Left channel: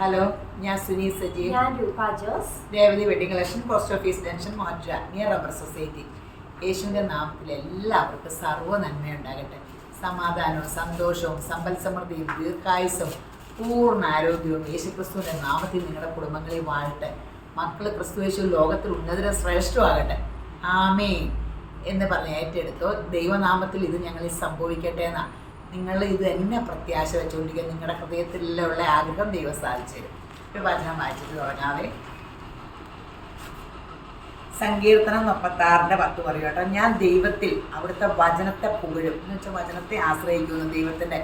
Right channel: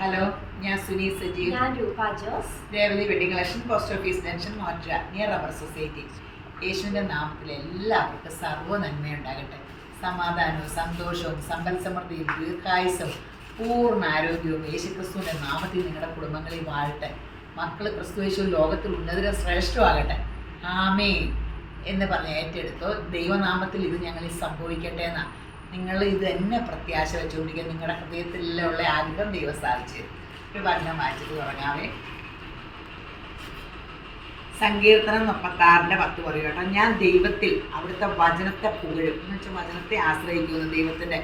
Hello, ഞാൻ സുനി സജീവ്. ഞാൻ Roopa Jose. Revathi wedding collection, post office junction, മോട്ര നിയർ റബ്ബർ സൊസൈറ്റി. യേശുവിൻ്റെ നാമത്തിൽ എല്ലാവർക്കും സർവ്വ നന്മയുണ്ടാകട്ടെ. സമാധാനവും സന്തോഷവും സമ്പൽ സമൃദ്ധിയും ദീർഘായുസും പൂർണ്ണ ആരോഗ്യവും യേശുക്രിസ്തുവിൻ്റെ നാമത്തിൽ നിങ്ങളുടെ കുടുംബങ്ങളിൽ വാഴട്ടെ. മക്കൾ ക്രിസ്തുയേശു ലോകത്തിൽ ഉന്നതര ശ്രേഷ്ഠമാകട്ടെ. ആമേൻ എന്ന് പറഞ്ഞ് ഏറ്റെടുത്തോ. ദൈവനാമത്തിൽ ഇത് ഞങ്ങളിൽ സംഭവിക്കട്ടെ എന്നാണ്. നിങ്ങൾ ഇത് തന്നെ പ്രത്യാശ വെച്ചുകൊണ്ടിരിക്കുക. നിങ്ങളുടെ ഹൃദയത്തിലുള്ള ആഗ്രഹം ദൈവം സാധിച്ചു തരും. ഒരു വചനം വായിച്ചിട്ട് തുടങ്ങാവേ. സങ്കീർത്തനം 36:10 പറയും കേട്ടോ. ഞാൻ ദൈവത്തിൽ അവിടുത്തെ വചനത്തെ പുകഴും എന്ന് വെച്ചാൽ വചനത്തെ ആശ്രയിക്കുന്നു. ദൈവത്തിൻ്റെ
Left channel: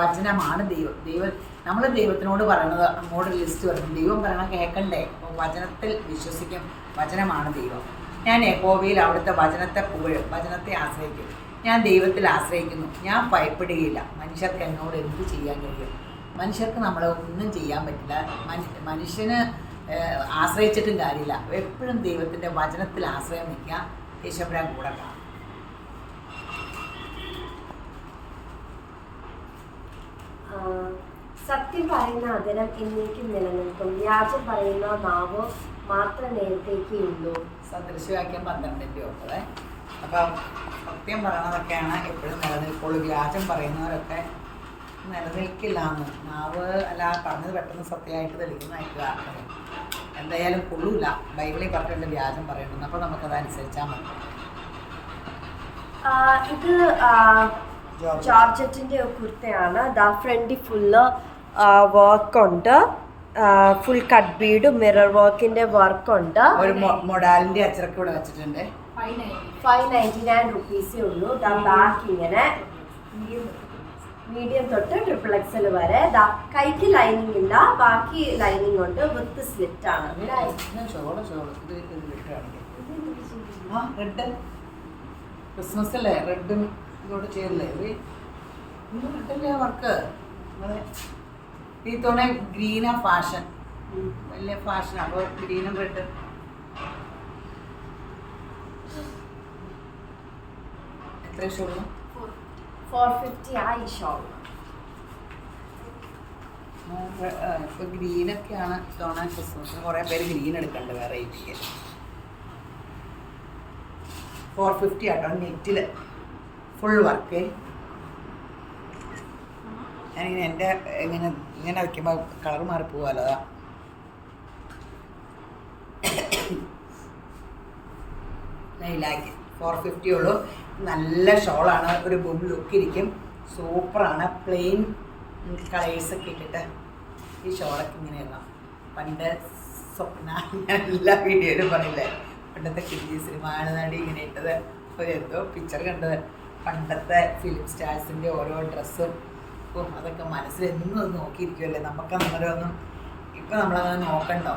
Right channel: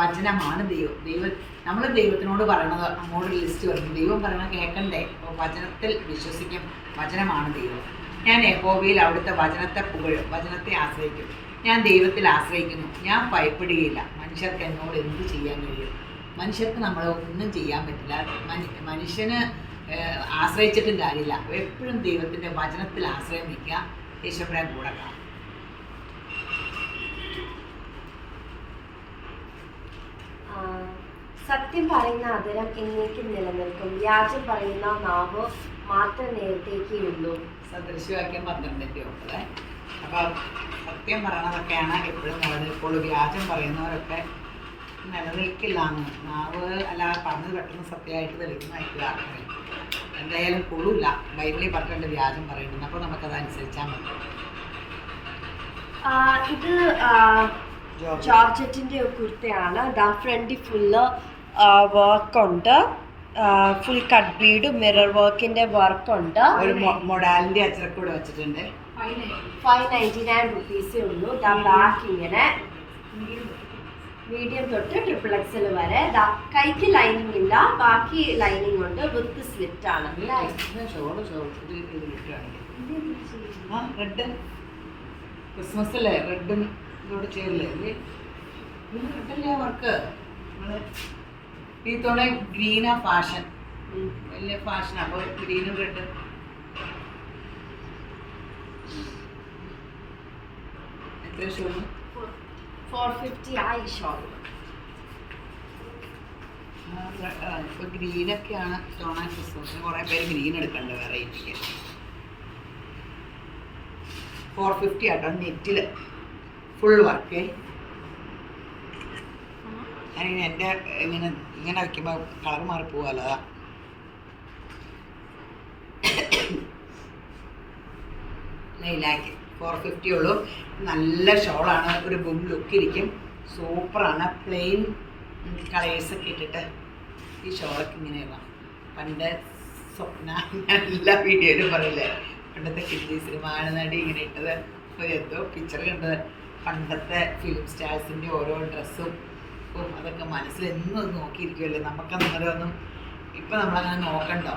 വചനമാണ് ദൈവം. നമ്മൾ ദൈവത്തിനോട് പറയണത് നമ്മോട് ലിസ്റ്റ് പറയും. ദൈവം പറയണത് കേൾക്കണ്ടേ? അപ്പോൾ വചനത്തിൽ വിശ്വസിക്കും. വചനമാണ് ദൈവം. ഞാൻ യഹോവയിൽ അവിടുത്തെ വചനത്തെ പുകഴും, വചനത്തെ ആശ്രയിക്കും. ഞാൻ ദൈവത്തിൽ ആശ്രയിക്കുന്നു. ഞാൻ ഭയപ്പെടുകയില്ല. മനുഷ്യർക്ക് എന്നോട് എന്ത് ചെയ്യാൻ കഴിയും? മനുഷ്യർക്ക് നമ്മളെ ഒന്നും ചെയ്യാൻ പറ്റില്ല. മനുഷ്യന് ആശ്രയിച്ചിട്ടും കാര്യമില്ല. എപ്പോഴും ദൈവത്തിൻ്റെ വചനത്തിൽ ആശ്രയം വയ്ക്കുക. യേശുവിനെ കൂടെ കാണാം. സത്യം പറയുന്ന അതരം എന്നേക്കും നിലനിൽക്കും. വ്യാജം പറയുന്ന നാവ് മാത്രം നേരത്തേക്കേ ഉള്ളൂ. സദൃശവാക്യം 12:9. അപ്പം സത്യം പറയണതൊക്കെയാണ് എപ്പോഴും നിലനിൽക്കുള്ളൂ. വ്യാജം പറയുന്നവരൊക്കെ നിലനിൽക്കില്ല എന്ന്. നാവ് അല്ലാതെ പറഞ്ഞത് പെട്ടെന്ന് സത്യമായിട്ട് തെളിക്കുന്നതായിട്ട് ആൾക്കാർ എന്തായാലും കൊള്ളൂല. ബൈബിളിൽ പറഞ്ഞിട്ടുണ്ട് വ്യാജം പറയുന്നുണ്ട്. അപ്പോൾ നമുക്കത് അനുസരിച്ചാൽ മതി. ഇത് ജോർജറ്റിൻ്റെ കുർത്തയാണ്. ഫ്രണ്ടിൽ ഫുള്ള് വർക്കുണ്ട്. ഫുൾ കട്ട് ബീഡ് മിറർ വർക്കിന്റെ വർക്കുണ്ട്. ഒരു മൊഡാലിന്റെ അച്ചറക്കൂടെ വെച്ചിട്ടുണ്ട്. 599 റുപ്പീസേ ഉള്ളൂ. ബാക്ക് ഇങ്ങനെ മീഡിയം തൊട്ട് XXL വരെ. കൈക്ക് ലൈനിങ് ഇല്ല, ബാക്കി ലൈനിങ് ഉണ്ട്. വിത്ത് സ്ലിറ്റ് ആണ്. റെഡ് ക്രിസ്മസ് അല്ലേ? റെഡും ഇതോട് ചേരില്ലേ? റെഡല്ലേ വർക്ക്? ഈ തവണ ഗ്രീനാ ഫാഷൻ, വലിയ ഫാഷൻ. അപ്പോൾ ഗ്രീനും റെഡും എത്ര ഷോള്? 450 ആയി ഷോൾ. ഇപ്പോൾ ഗ്രീനൊക്കെയാണ് തവണ ക്രിസ്മസിന്. കുറേ പേര് ഗ്രീൻ എടുക്കണ്ട് വെറൈറ്റിക്ക്. 450 ആട്ടോ. നെറ്റിൽ ഫുൾ വർക്ക്. ഞാനിങ്ങനെ എൻ്റെ ഇങ്ങനെ വയ്ക്കുമ്പോൾ കളർ മാറിപ്പോവാലോ. അതാ 450 ഉള്ളൂ. നല്ല ഷോളാണ്. ഒരു ബും ലുക്കിരിക്കും. സൂപ്പറാണ്. പ്ലെയിൻ കളേഴ്സൊക്കെ ഇട്ടിട്ട് ഈ ഷോളൊക്കെ ഇങ്ങനെ ഇടാം. പണ്ട് സ്വപ്ന എല്ലാ വീഡിയോയിലും പറയില്ലേ, പണ്ടത്തെ ഹിന്ദി സിനിമ നടി ഇങ്ങനെ ഇട്ടത് ഒരു എന്തോ പിക്ചർ കണ്ടത്. പണ്ടത്തെ ഫിലിം സ്റ്റാർസിൻ്റെ ഓരോ ഡ്രസ്സും അതൊക്കെ മനസ്സിൽ എന്നും നോക്കിയിരിക്കുമല്ലേ. നമുക്കങ്ങനെ ഒന്നും ഇപ്പം നമ്മളങ്ങനെ നോക്കണ്ടോ.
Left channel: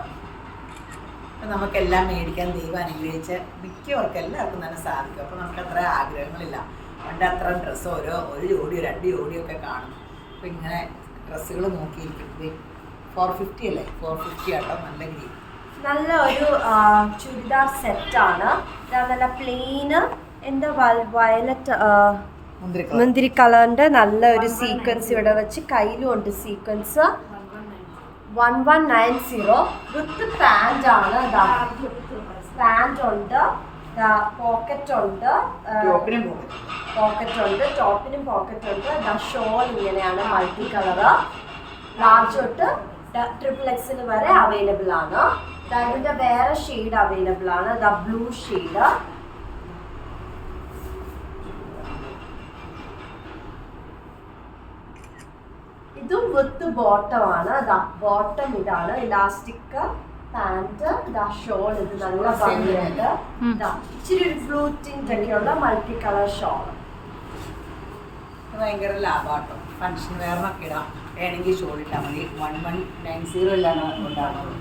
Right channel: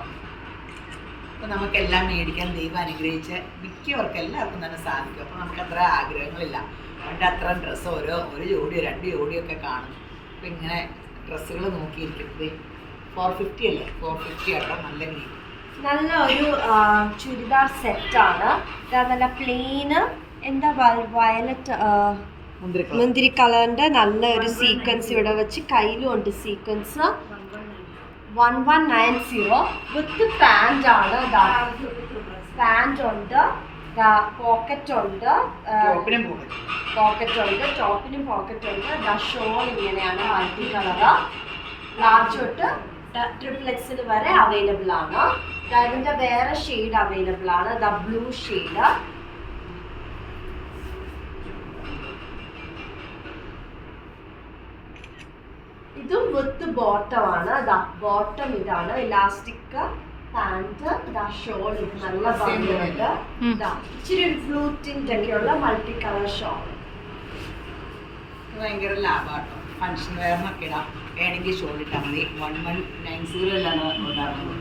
അപ്പം നമുക്കെല്ലാം മേടിക്കാൻ ദൈവം അനുഗ്രഹിച്ച് മിക്കവർക്കും എല്ലാവർക്കും തന്നെ സാധിക്കും. അപ്പോൾ നമുക്ക് അത്ര ആഗ്രഹങ്ങളില്ല. പണ്ട് അത്ര ഡ്രസ്സ് ഒരു ജോഡിയോ 2 ജോഡിയോ ഒക്കെ കാണും. അപ്പം ഇങ്ങനെ ഡ്രസ്സുകൾ നോക്കിയിരിക്കുന്നത് 450 അല്ലേ? 450 ആട്ടോ. നല്ല ഗ്രീൻ, നല്ല ഒരു ചുരിദാർ സെറ്റാണ്. നല്ല പ്ലെയിന് എന്താ വയലറ്റ് മുന്തിരി കളറിന്റെ നല്ല ഒരു സീക്വൻസ് ഇവിടെ വെച്ച്. കയ്യിലും ഉണ്ട് സീക്വൻസ്. 1190 വിത്ത് പാന്റ് ആണ്. പാന്റ് ഉണ്ട്, പോക്കറ്റ് ഉണ്ട്, ടോപ്പിനും പോക്കറ്റ് ഉണ്ട്. ഷോൾ ഇങ്ങനെയാണ്, മൾട്ടി കളറ്. ലാർജ് തൊട്ട് XXL വരെ അവൈലബിൾ ആണ്. അതിൻ്റെ വേറെ ഷെയ്ഡ് അവൈലബിൾ ആണ്. Blue shade. ഇതും വിത്ത് ബോട്ടം ആണ്. ബോട്ടം ഇതാണ്. Elastic pant. ഷോൾ ഇത് നല്ല ഭംഗിയുണ്ട്. ഇച്ചിരി ഒരു ബ്ലൂ ടിന്റ് ഒക്കെയുള്ള മൾട്ടി കളർ ഷോൾ. ഭയങ്കര ലാഭമാട്ടോ. ഫങ്ഷൻ വെയറിനൊക്കെ ഇടാം. വേണമെങ്കിൽ ഷോൾ ഇട്ടാൽ മതി. 1190 എല്ലാം ഉണ്ടാകുന്നത്.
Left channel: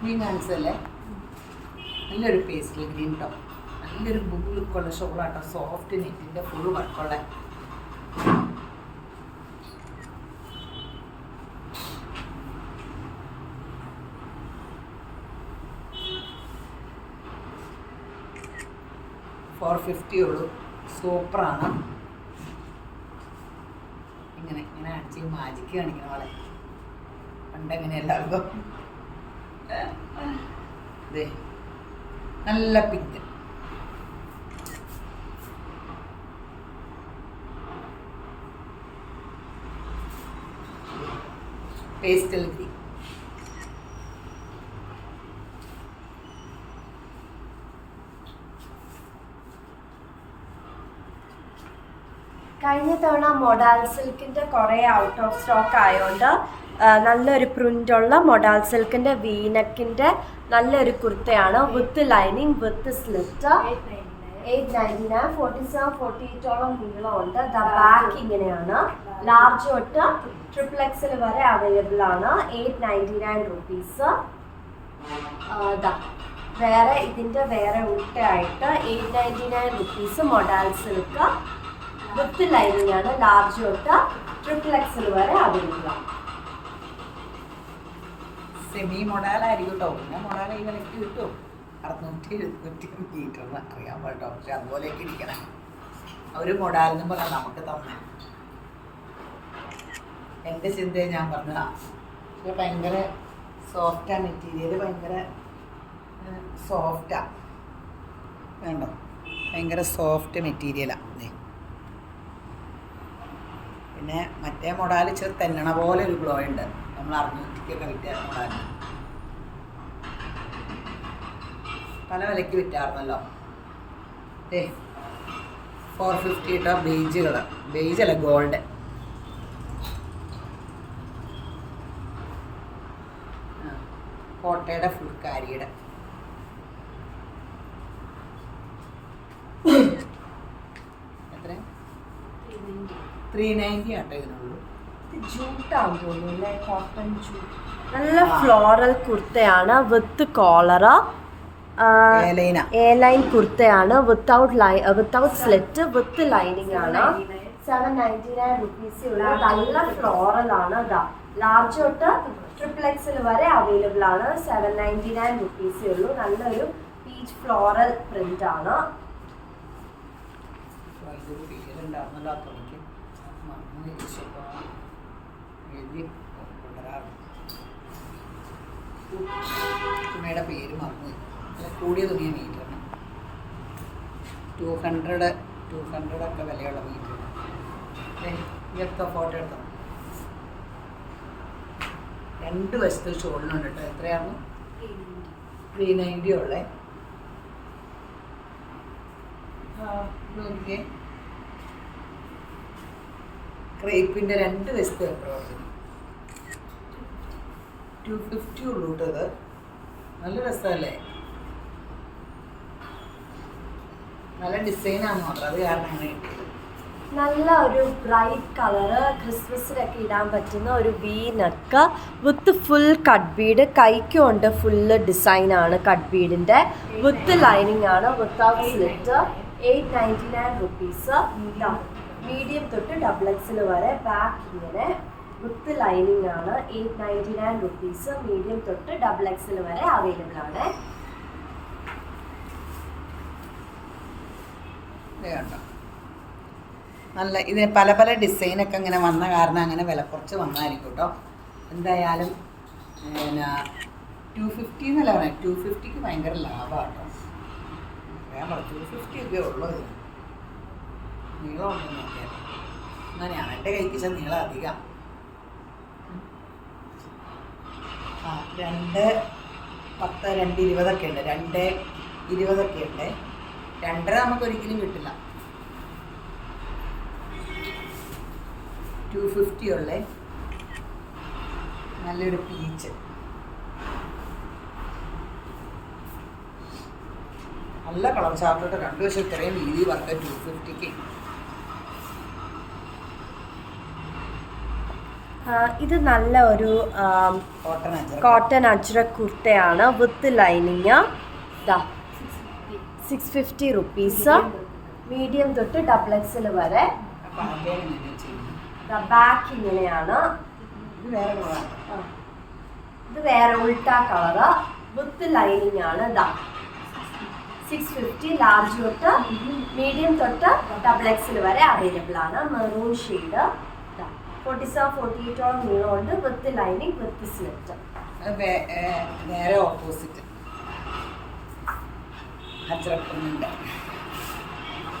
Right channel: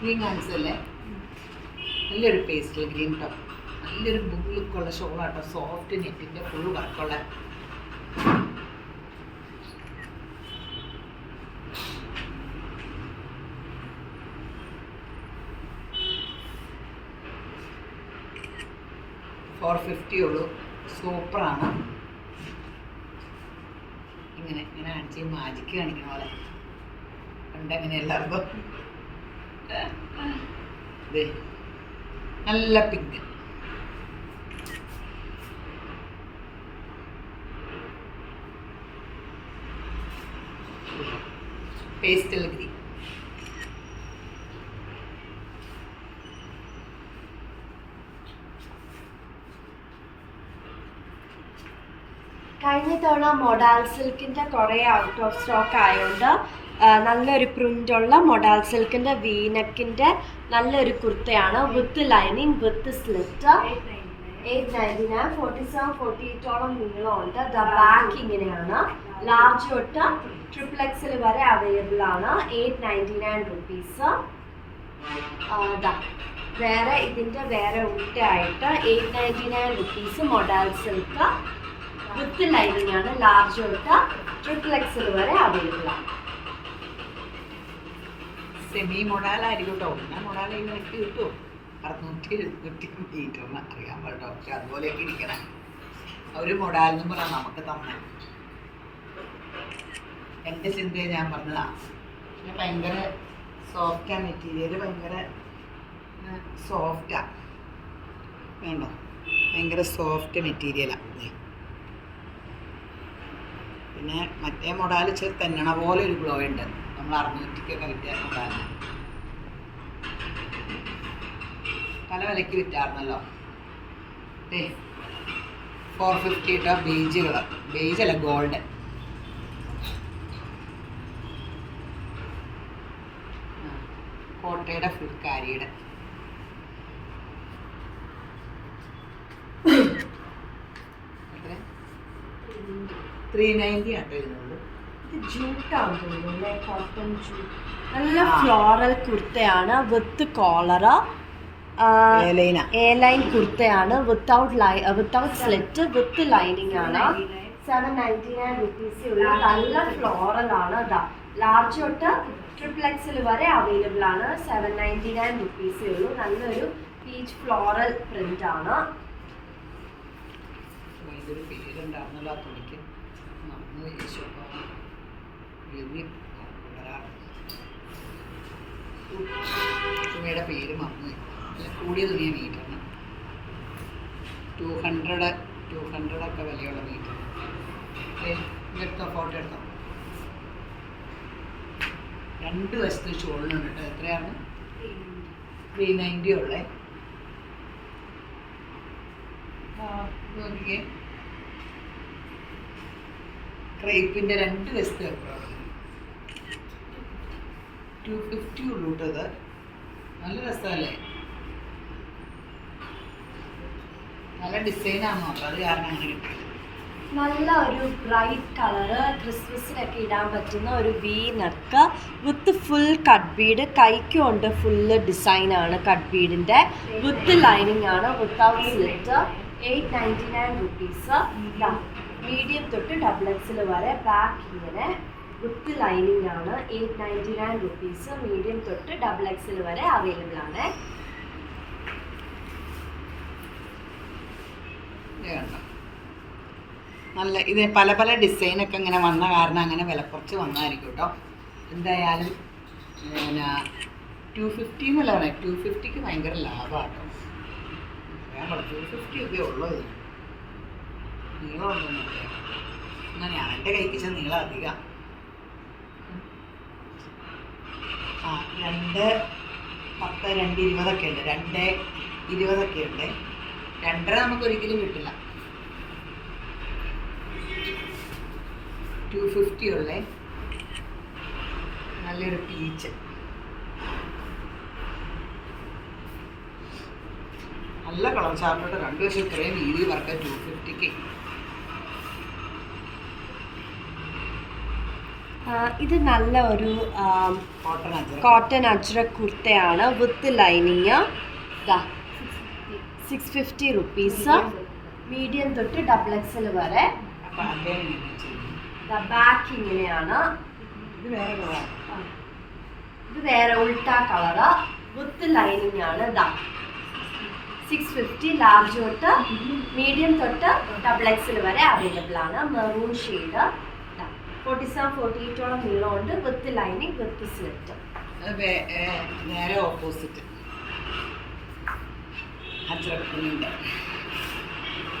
ഗ്രീൻ കാണിച്ചല്ലേ? നല്ലൊരു പേസ്റ്റൽ ഗ്രീൻ ടോപ്പ്. നല്ലൊരു ബുക്ക് ലുക്കുള്ള ഷോളാട്ടോ. സോഫ്റ്റ് നെറ്റിൻ്റെ ഫുൾ വർക്കുള്ള. $450 ഉള്ളൂ. സൂപ്പറാണ്. ഇങ്ങനെ കാണിച്ച് മാജിക്ക് കാണിക്കണ പോലെ. പണ്ടെങ്ങനെ എല്ലാവർക്കും നല്ല പിങ്ക്. Pastel green. കഴിഞ്ഞ തവണ മൊഡാൽ സിൽക്കിൻ്റെ കുറേ ഔട്ട് ഓഫ് സ്റ്റോക്ക് ആയതുകൊണ്ട് നല്ലൊരു പ്രിൻ്റുള്ള മൊഡാൽ സിൽക്കിൻ്റെ വീനക്കിൻ്റെ നല്ലൊരു കുർത്തയാണ് വിത്ത് ലൈനിങ് വിത്ത് സ്ലിറ്റ്. 899, 47-48ഓളം നീളമുണ്ട്. ബാക്ക് ഇങ്ങനെയാണ്. ലാർജ് തൊട്ട് XXL വരെ അവൈലബിൾ ആണ്. 899 റുപ്പീസ്. വേറെ ഇതിൻ്റെ വേറെ ഉൾട്ടായിട്ട് 899 റുപ്പീസ് മൊഡാൽ സിൽക്ക് വിത്ത് ലൈനിങ് ആണ്. ലാർജ് തൊട്ട് XXL വരെ അവൈലബിൾ ആണ്. സെമി മൊഡാലായിരിക്കും കേട്ടോ. ഞാൻ മൊഡാൽ ഈ വിലക്ക് കിട്ടും. 600-700 മീറ്ററിന് അറിയാൻ പാട്ടോ. പക്ഷെ അതുപോലെയൊക്കെ ഇരിക്കണം. അവർ മൊഡാലെന്നും പറഞ്ഞാൽ നമുക്ക് തന്നെ. എൻ്റെ ചിന്തയെ ഞാൻ പറഞ്ഞതാണ്. പക്ഷെ ഭയങ്കര സോഫ്റ്റാണ് മെറ്റീരിയൽ. ഭയങ്കര സോഫ്റ്റാണ്. വേണ്ടോ? ഭയങ്കര സോഫ്റ്റ് മെറ്റീരിയലാണ്. പിന്നെ മറ്റേ മൊഡാൽ തെന്നണ പോലെ ഒരു ഗ്ലോ ഉണ്ട്. നമ്മൾ 600-ക്കൊക്കെ വിറ്റ മൊഡാലിന് പല വിലയ്ക്ക് വിറ്റായിരുന്നല്ലോ. 450 കേട്ടോ. ബേജുകൾ, ബേജല്ല ഗോൾഡ്. കോട്ടയുടെ ഫുൾക്കാരിയുടെ എത്ര? 390 ആട്ടോ ഇതിനുള്ളൂ. ജൂട്ടാന്ന് തോന്നുന്നു, കോട്ടൺ ജൂട്ട്. നല്ല ഫ്ലോറൽ കുർത്തയാണ് വിത്ത് കോളർ. എയർലൈൻ കുർത്തയാണ് വിത്തൗട്ട് സ്ലിറ്റ് വിത്ത് ലൈനിങ് ആണ്. 799 റുപ്പീസ് ഉള്ള നല്ല ഫ്ലോറൽ ആണ്. ലാർജ് തൊട്ട് XXL വരെ അവൈലബിൾ ആണ്. 799 റുപ്പീസേ ഉള്ളൂ. നല്ലൊരു പീച്ച് ഫ്ലോറൽ പ്രിന്റ് ആണ്. പേരുണ്ടായിരുന്നല്ലോ ആ തുണിക്ക്. തുണിയുടെ പേര് മറന്നുപോയി. നല്ല കൂടിയ തുണിയ മീറ്ററിന് 200 ഒക്കെ വിലയുള്ള മീറ്റർ. എടുത്തോ, ഫോട്ടോ എടുത്തോ. 2 വശത്ത് ഷോളിനുണ്ട് കേട്ടോ. എത്രയാണ്? 390 ഉള്ളേ. നോക്കിയേ, ക്രേപ്പിൻ്റെ 2 വശത്ത് എത്രയാണ്? 250 ഉള്ളൂ കേട്ടോ. ഇത് നല്ല രസമല്ലേ? നല്ല ഡിസൈനാണ് മാത്രം. അത് കാരണം അങ്ങനെ കിട്ടിയത്. നല്ല ഒരു ബ്രൈറ്റ് കളറ് ക്രിസ്മസിനൊക്കെ ഇടാൻ പറ്റുന്ന ഒരു V neck with full cut bead. കൈക്കുണ്ട് ഫുള്ള് ഡിസൈനാണ് കട്ട് ബീഡിൻ്റെ. വിത്ത് ലൈനിങ് ആണ്. Without slit. 899 റുപ്പീസ്. മീഡിയം തൊട്ട് XXL വരെ. ബാക്ക് ഇങ്ങനെ വിത്ത് ലൈനിങ് ആണ്. 899 റുപ്പീസ്. മീഡിയം തൊട്ട് XXL വരെ അവൈലബിൾ ആണ്. കണ്ടോ, നല്ല ഇത് പല പല ഡിസൈനൊക്കെ ഇങ്ങനെ വന്ന കാരണം അങ്ങനെ വില കുറച്ച് വന്നായിരിക്കും കേട്ടോ. എന്തായാലും പിന്നെ 250 എന്നല്ല പറയാം. 250ക്ക് ഭയങ്കര ലാഭമാണ് കേട്ടോ. ഞാൻ 250 ഒക്കെ ഉള്ളൂ. ഇത് നീളം ഉണ്ടെന്നൊക്കെ. എന്നാൽ ഞാൻ എൻ്റെ കൈക്കിച്ച നീളം അധികം. 210, 220 ഉണ്ട്. 220 ഉണ്ട്. 2.5 നമുക്കൊരിക്കലും കിട്ടില്ല. 250 ഉള്ളേ. നല്ലൊരു പീച്ച്. നല്ല കളർ ചാർട്ടിട്ട് 2 വർഷം ഇത്രയും വീതി വർക്ക് 250ക്ക്. ഇത് നല്ല ഒരു കോട്ടൺ അജ്രക് കുർത്തയാണ് വിത്ത് ലൈനിങ്. 650 റുപ്പീസ്. മീഡിയം തൊട്ട് XXL വരെ. ബാക്ക് ഇങ്ങനെയാണ്. ഇത് വേറെ ഉൾട്ടാ കളറ് വിത്ത് ലൈനിങ് ആണ്. 650. ലാർജ് തൊട്ട് മീഡിയം തൊട്ട് XXL വരെ അവൈലബിൾ ആണ്. Maroon shade. 47-48 നീളമുണ്ട് വിത്ത് ലൈനിങ് വിത്ത് സ്ലിറ്റ്. നേരെ ഓപ്പോസിറ്റ് അച്ചറപ്പിൻ്റെ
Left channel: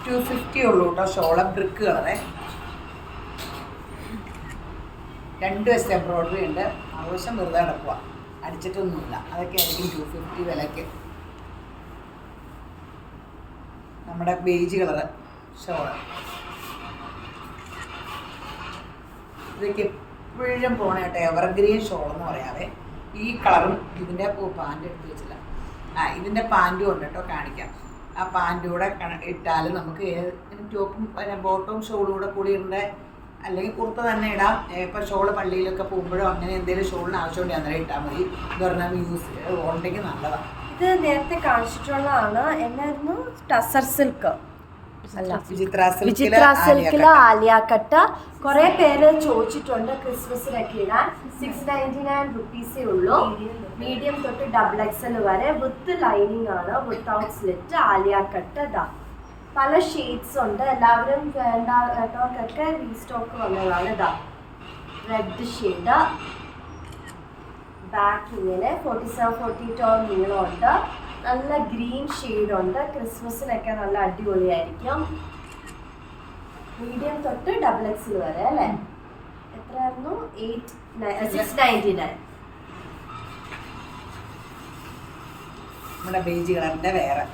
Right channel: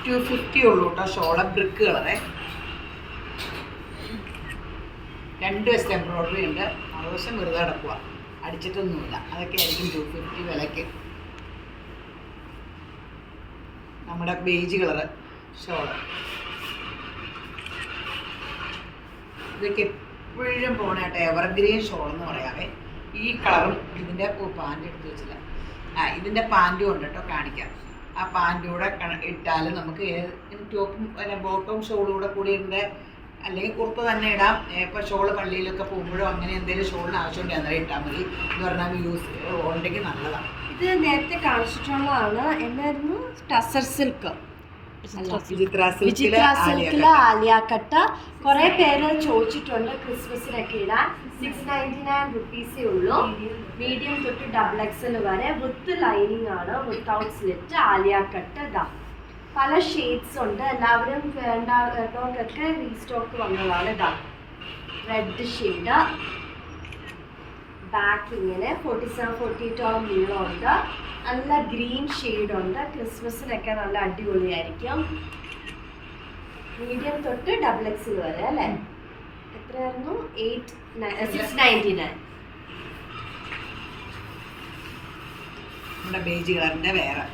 250 ഉള്ളൂ കേട്ടോ. ഷോള ബ്രിക്ക് കളറേ, 2 വശം എംബ്രോയ്ഡറി ഉണ്ട്. ആവശ്യം വെറുതെ കിടക്കുക, അടിച്ചിട്ടൊന്നുമില്ല. അതൊക്കെ ആയിരിക്കും 250 വിലയ്ക്ക്. നമ്മുടെ ബേജ് കളറ് ഷോള്, ഇതൊക്കെ എപ്പോഴും പോണേട്ടെ എവർഗ്രീൻ ഷോൾ എന്ന് പറയാവേ. ഈ കളറും ഇതിൻ്റെ പാൻറ് എടുത്ത് വെച്ചില്ല. ഇതിൻ്റെ പാൻറ്റും ഉണ്ട് കേട്ടോ, കാണിക്കാം. ആ പാൻറ്റും കൂടെ ഇട്ടാൽ നമുക്ക് ടോപ്പും പിന്നെ ബോട്ടവും ഷോളും കൂടി ഇടേണ്ട, അല്ലെങ്കിൽ കുർത്ത തന്നെ ഇടാം. ഇപ്പോൾ ഷോള് പള്ളിയിലൊക്കെ പോകുമ്പോഴോ അങ്ങനെ എന്തെങ്കിലും ഷോളിന് ആവശ്യമുണ്ടെങ്കിൽ അന്നേരം ഇട്ടാൽ മതി. എന്ന് പറഞ്ഞാൽ യൂസ് ഉണ്ടെങ്കിൽ നല്ലതാണ്. ഇത് നേരത്തെ കാണിച്ചിട്ടുള്ളതാണ്. എന്നായിരുന്നു? ടസർ സിൽക്ക്, വിചിത്ര സിൽക്കില് ആലിയ കട്ട്. കുറെ പേര് ചോദിച്ചിട്ടുണ്ട് ക്രിസ്മസിനൊക്കെ ഇടാൻ. 699 റുപ്പീസേ ഉള്ളൂ. മീഡിയം തൊട്ട് XXL വരെ വിത്ത് ലൈനിങ് ആണ്, വിത്തൗട്ട് സ്ലിറ്റ്, ആലിയ കട്ട്. ഇതാ പല ഷെയ്ഡ്സ് ഉണ്ട്. എല്ലാവരും വേണ്ടവർക്കൊക്കെ റീസ്റ്റോക്ക് വന്നതാണ്. ഇതാ റെഡ് ഷെയ്ഡ്, ബാക്ക് ഇങ്ങനെ 47-48 നീളമുണ്ട്. നല്ല ഗ്രീൻ ഷെയ്ഡുണ്ട്. ക്രിസ്മസിനൊക്കെ നല്ല അടിപൊളിയായിരിക്കും. മീഡിയം തൊട്ട് XXL വരെ അല്ലേ? എത്രയായിരുന്നു? 699. നമ്മുടെ ബേജ് കളറിൻ്റെ വേറെ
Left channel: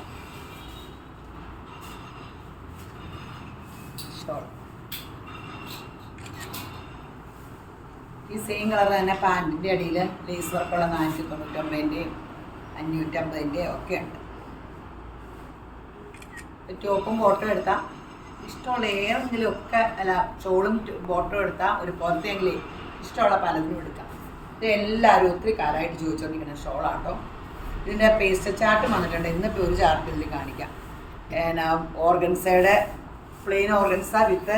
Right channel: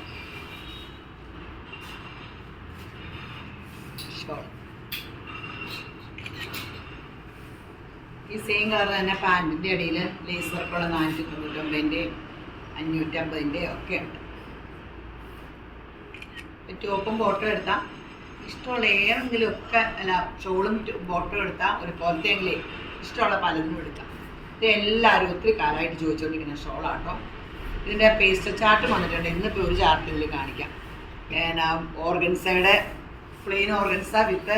ഈ സെയിം കളർ തന്നെ പാൻറ്റിൻ്റെ അടിയിൽ ലേസ് വർക്കുള്ള 499-ൻ്റെയും 550-ൻ്റെയും ഒക്കെ ഉണ്ട്. ടോപ്പും ബോട്ടും എടുത്താൽ ഇഷ്ടമുള്ള ഏതെങ്കിലും ഒക്കെ, അല്ല ഷോളും ബോട്ടും എടുത്താൽ ഒരു പുറത്തെങ്കിലും ഇഷ്ടമുള്ള പലതിനും എടുക്കാം. ഇത് എല്ലാവരും ഒത്തിരി കാലമായിട്ട് ചോദിച്ചുകൊണ്ടിരിക്കുന്ന ഷോളാട്ടോ. ഇതിൻ്റെ പേസ്റ്റ് ചാർട്ട് വന്നിട്ടുണ്ട്. ഇന്നിപ്പോൾ ഒരു ചാർട്ട് ഇതിൽ കാണിക്കാം. ഓർഗൻസയുടെ പ്ലെയിൻ ഓർഗൻസ വിത്ത്